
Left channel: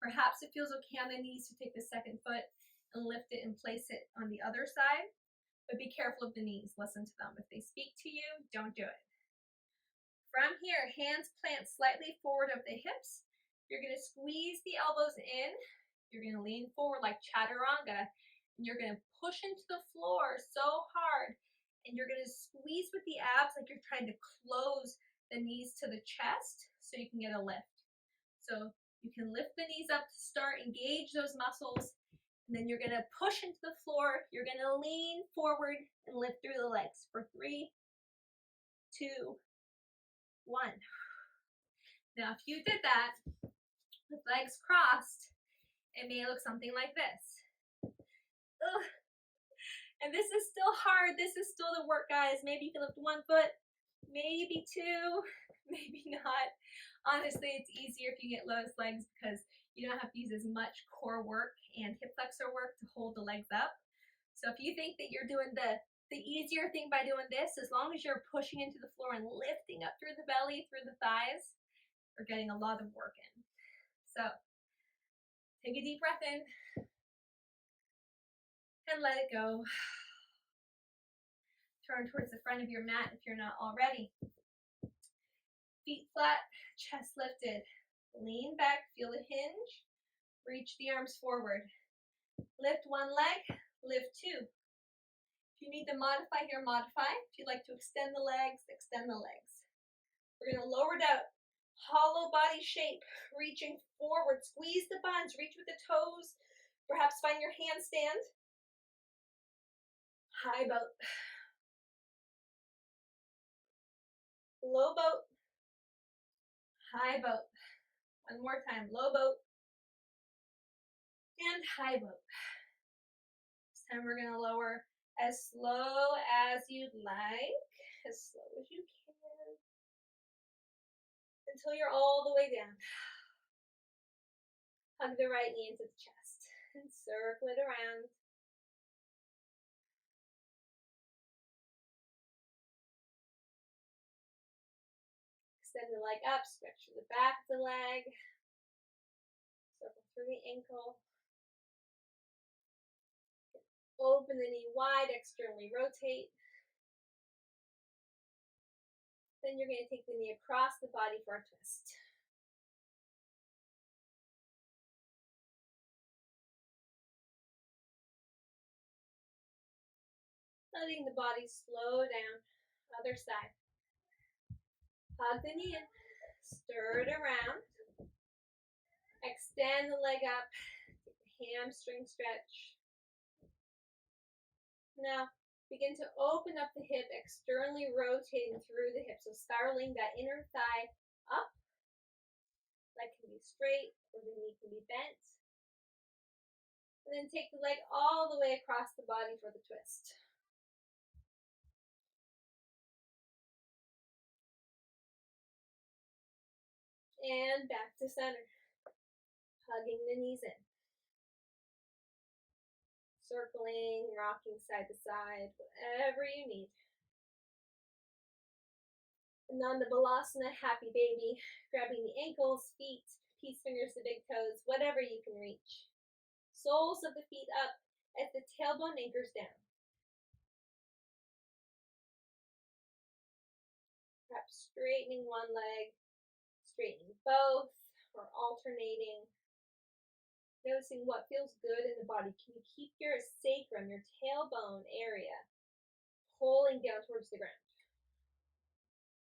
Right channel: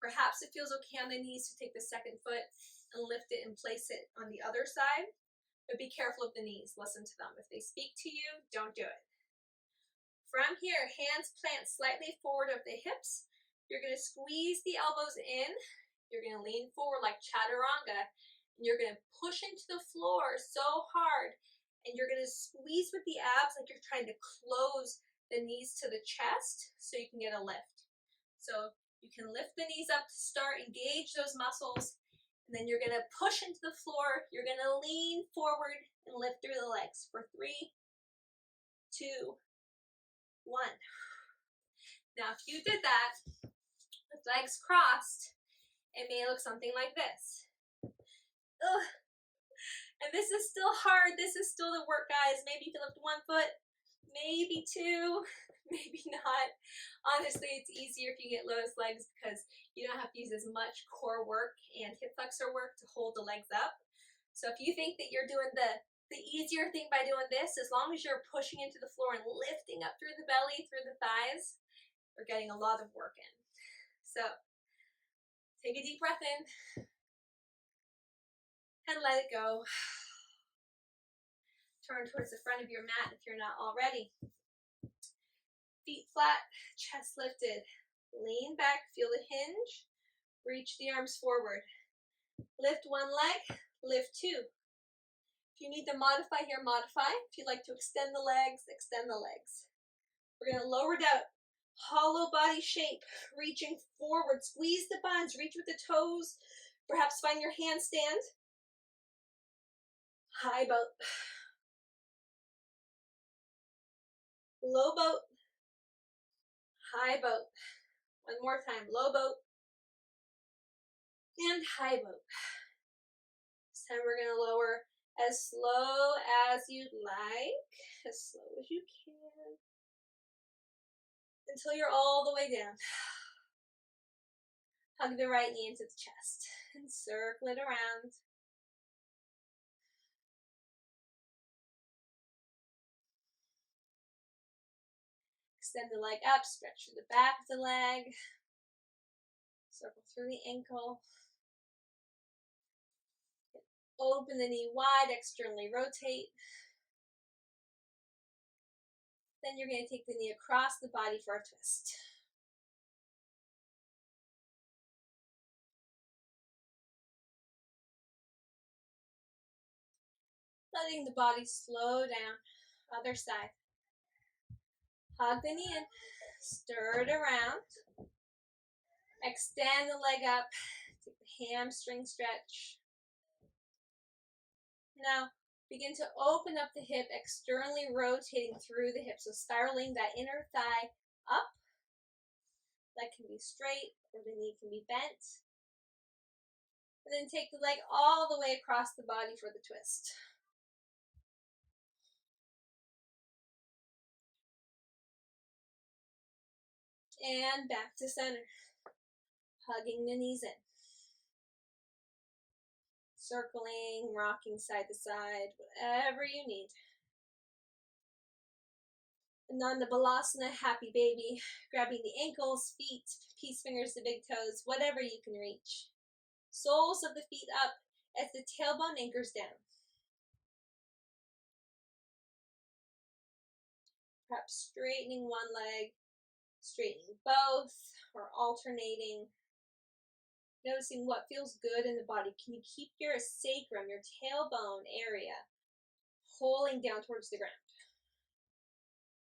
Perhaps it feels okay on the knees to take the second foot and lift it and place it on the other side, but be careful of the knees. Listen to them. If they speak to you, don't do it. From here, hands plant slightly forward of the hips. You're going to squeeze the elbows in. You're going to lean forward like chaturanga. And you're going to push into the floor so hard. And you're going to squeeze with the abs like you're trying to close the knees to the chest so you can get a lift. So you can lift the knees up to start, engage those muscles. And then you're going to push into the floor. You're going to lean forward and lift through the legs for 3, 2, 1. Now, if you did that with legs crossed, it may look something like this. Ugh. And this is still hard. This is still the work, guys. Maybe you can lift one foot, maybe two, maybe not. Honestly, it's easier if you get lotus legs because you don't have to use as much core work and hip flexor work to hold the legs up. So if you think that you're doing the easier thing by doing this, as long as you're pushing into the floor and lifting up through the belly, through the thighs, you're getting a lot of work in. So take a deep breath in and let it go. Turn towards the front of your mat if you're not already. Feet flat, chest lifted. Lean back, feel the hinge. Reach the arms forward. Lift one leg, lift two. If you need to modify here, modify. If you'd like to extend the legs, extend the legs. We're going to lower it out. Hollow body shape, reaching forward. Squeeze the buns, reach with the toes. Perhaps find your handstand. High boat. Low boat. High boat. One more time. Low boat. And high boat. This time we're going to lower as slow as you'd like. As slow as you can. Until you're all the way down. Hug the right knee into the chest. And circle it around. Extend the leg up, stretch through the back of the leg. Circle through the ankle. Open the knee wide, externally rotate. Then you're going to take the knee across the body for a twist. Letting the body slow down. Other side. Hug the knee in. Stir it around. Extend the leg up. Take the hamstring stretch. Now, begin to open up the hip, externally rotating through the hip. So spiraling that inner thigh up. Leg can be straight or the knee can be bent. And then take the leg all the way across the body for the twist. And back to center. Hugging the knees in. Circling, rocking side to side, whatever you need. Ananda Balasana, happy baby. Grabbing the ankles, feet, peace fingers to big toes, whatever you can reach. Soles of the feet up as the tailbone anchors down. Perhaps straightening one leg, Straightening both or alternating. Noticing what feels good in the body. Can you keep your sacrum, your tailbone area, pulling down towards the ground?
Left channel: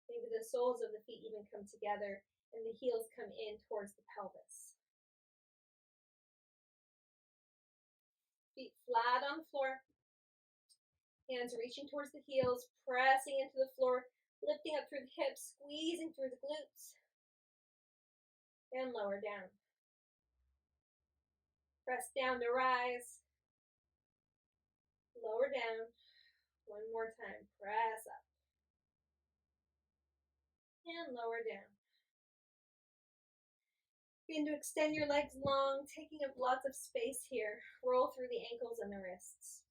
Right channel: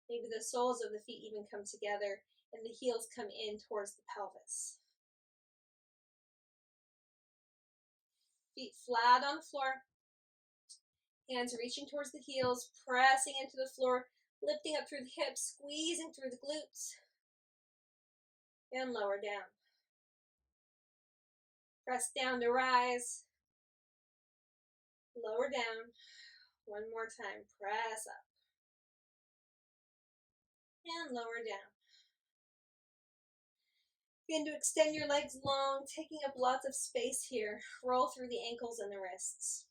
Maybe the soles of the feet even come together and the heels come in towards the pelvis. Feet flat on the floor. Hands reaching towards the heels, pressing into the floor, lifting up through the hips, squeezing through the glutes. And lower down. Press down to rise. Lower down. One more time. Press up. And lower down. Begin to extend your legs long, taking up lots of space here. Roll through the ankles and the wrists.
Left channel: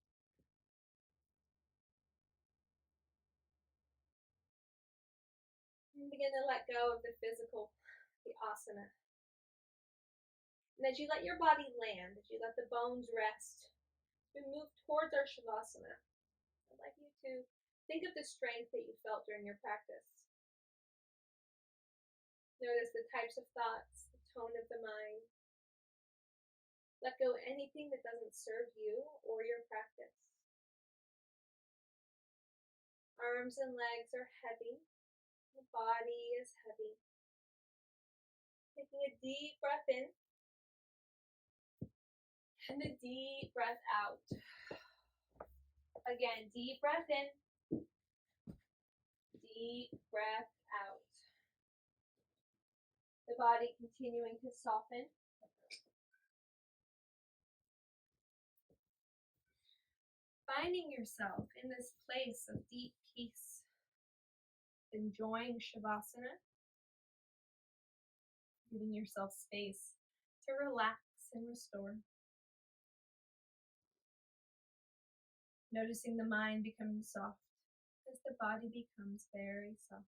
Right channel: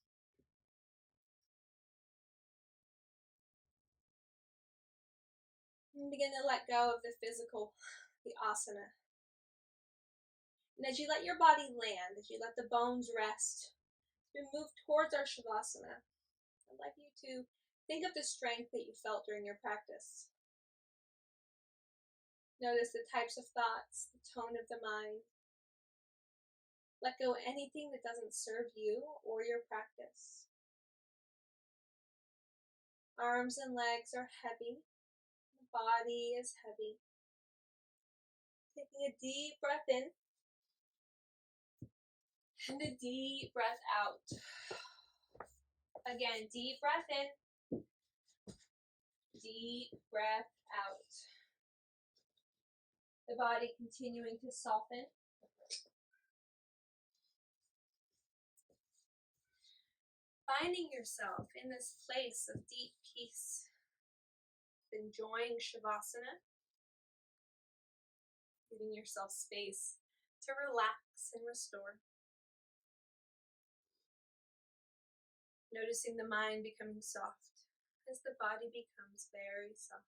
And begin to let go of the physical, the asana. And as you let your body land, as you let the bones rest, we move towards our shavasana. I'd like you to think of the strength that you felt during your practice. Notice the types of thoughts, the tone of the mind. Let go of anything that doesn't serve you or your practice. Arms and legs are heavy. The body is heavy. Taking a deep breath in and a deep breath out. Again, deep breath in, deep breath out. The body continuing to soften. Finding yourself in this place of deep peace, enjoying shavasana, giving yourself space to relax and restore. Noticing the mind becoming soft as the body becomes very soft.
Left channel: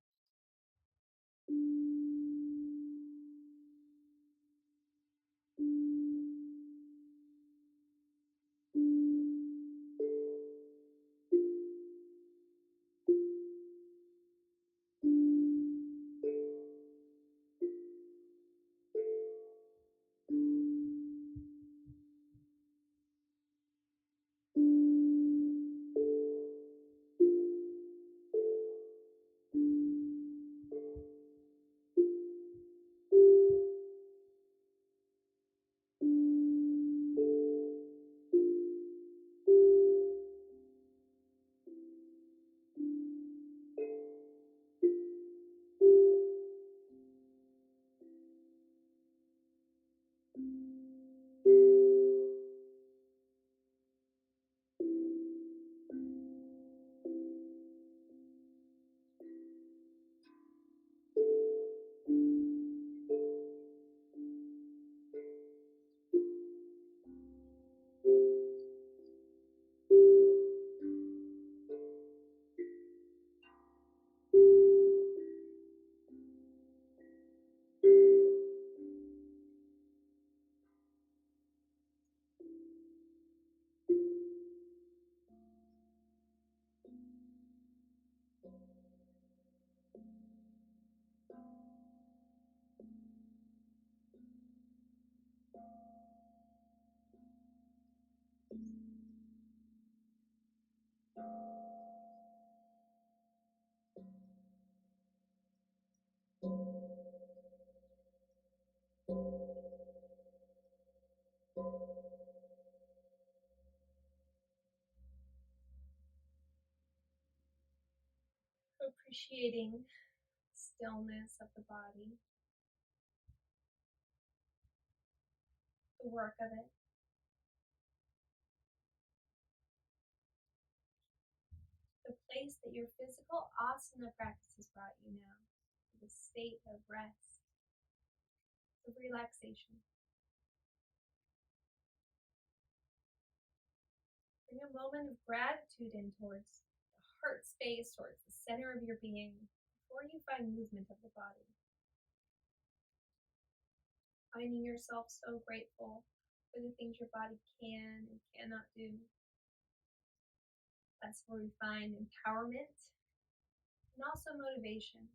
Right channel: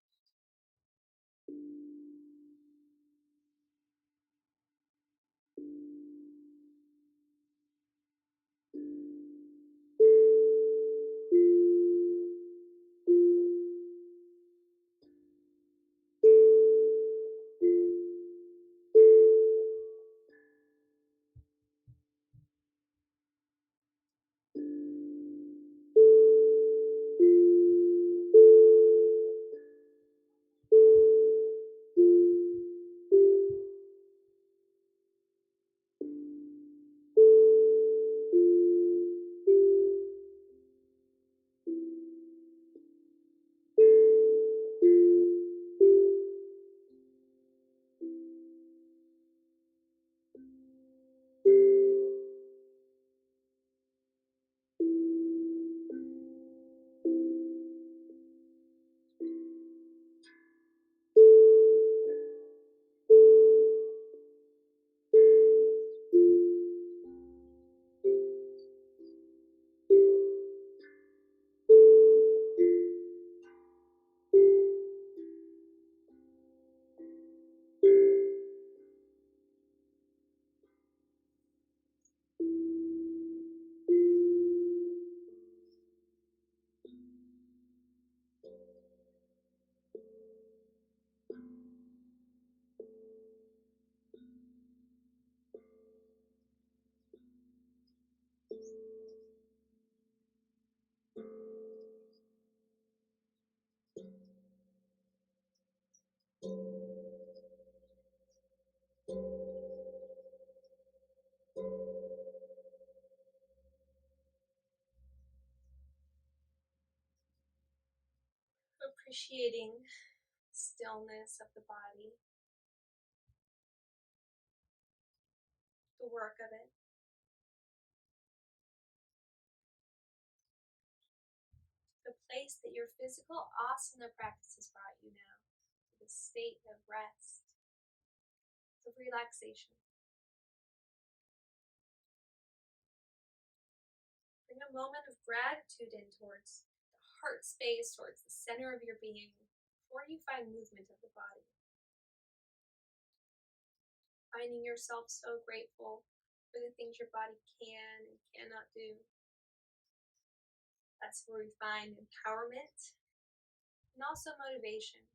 Appreciating stillness of the body, the work of it. The place that your physical asana practice has brought you now, to the state of rest, of relaxation. Bring a moment of gratitude in towards the heart space, towards the center of your being, before you find movement of the body. Finding yourself so grateful for the things your body can and cannot do. That's where we find empowerment and also motivation.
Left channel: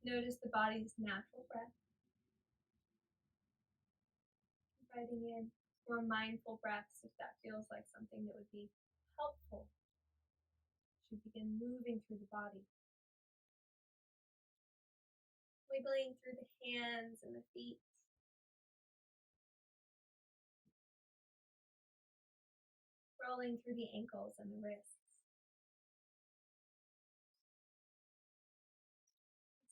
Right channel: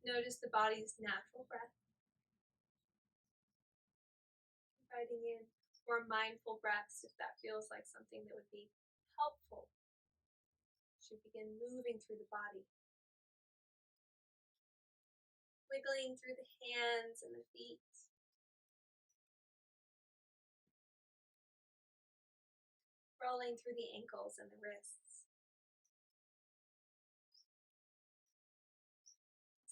Notice the body's natural breath, inviting in more mindful breaths if that feels like something that would be helpful. Should begin moving through the body, wiggling through the hands and the feet, rolling through the ankles and the wrists,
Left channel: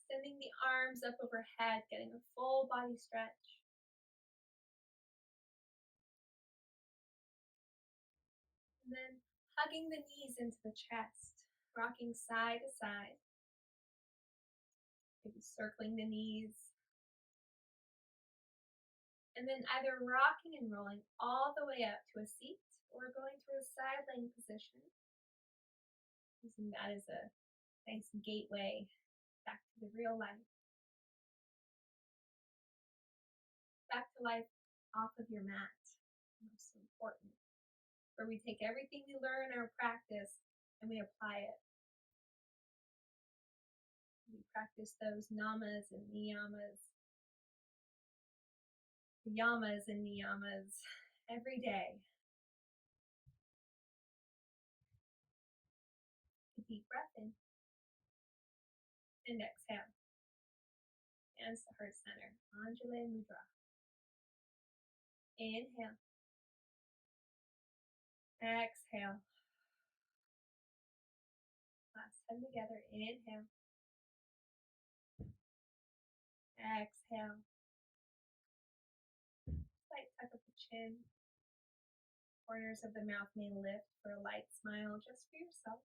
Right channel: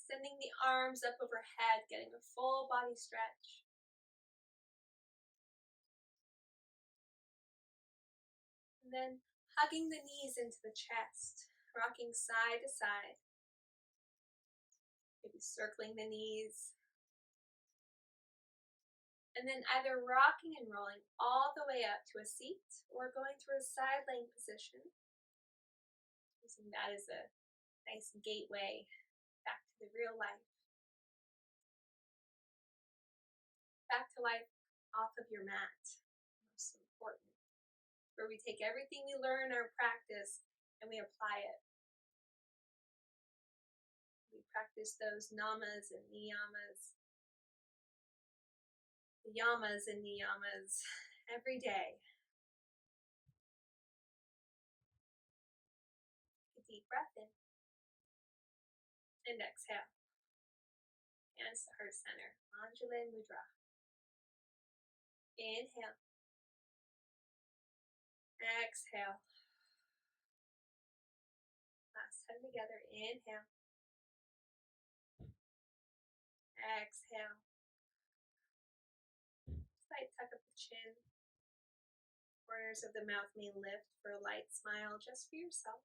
extending the arms up overhead, getting a full body stretch. And then hugging the knees into the chest, rocking side to side, maybe circling the knees, and then either rocking and rolling all the way up to a seat or going through a side laying position, using that as a nice gateway back to the real life. Back to life off of your mat, most important, where we take everything we learn in our practice and we apply it. We practice those namas and niyamas, the yamas and niyamas every day. A deep breath in and exhale. Hands to heart center, Anjali Mudra. Inhale. Exhale. Last time together. Inhale. Exhale. Slight tuck of the chin. Corners of the mouth may lift for a light smile just for yourself.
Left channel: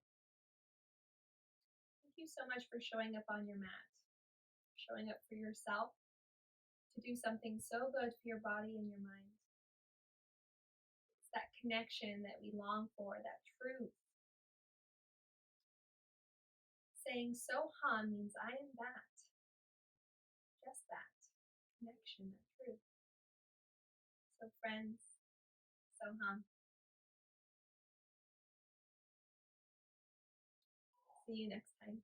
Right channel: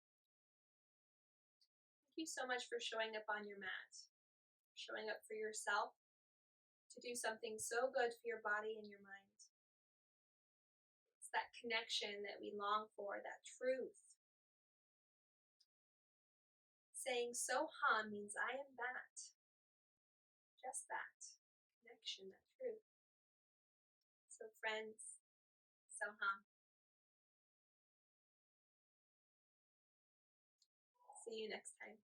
Thank you so much for showing up on your mat, showing up for yourself to do something so good for your body and your mind. It's that connection that we long for, that truth. Saying Soham means I am that, just that, connection, that truth. So friends, Soham. See you next time.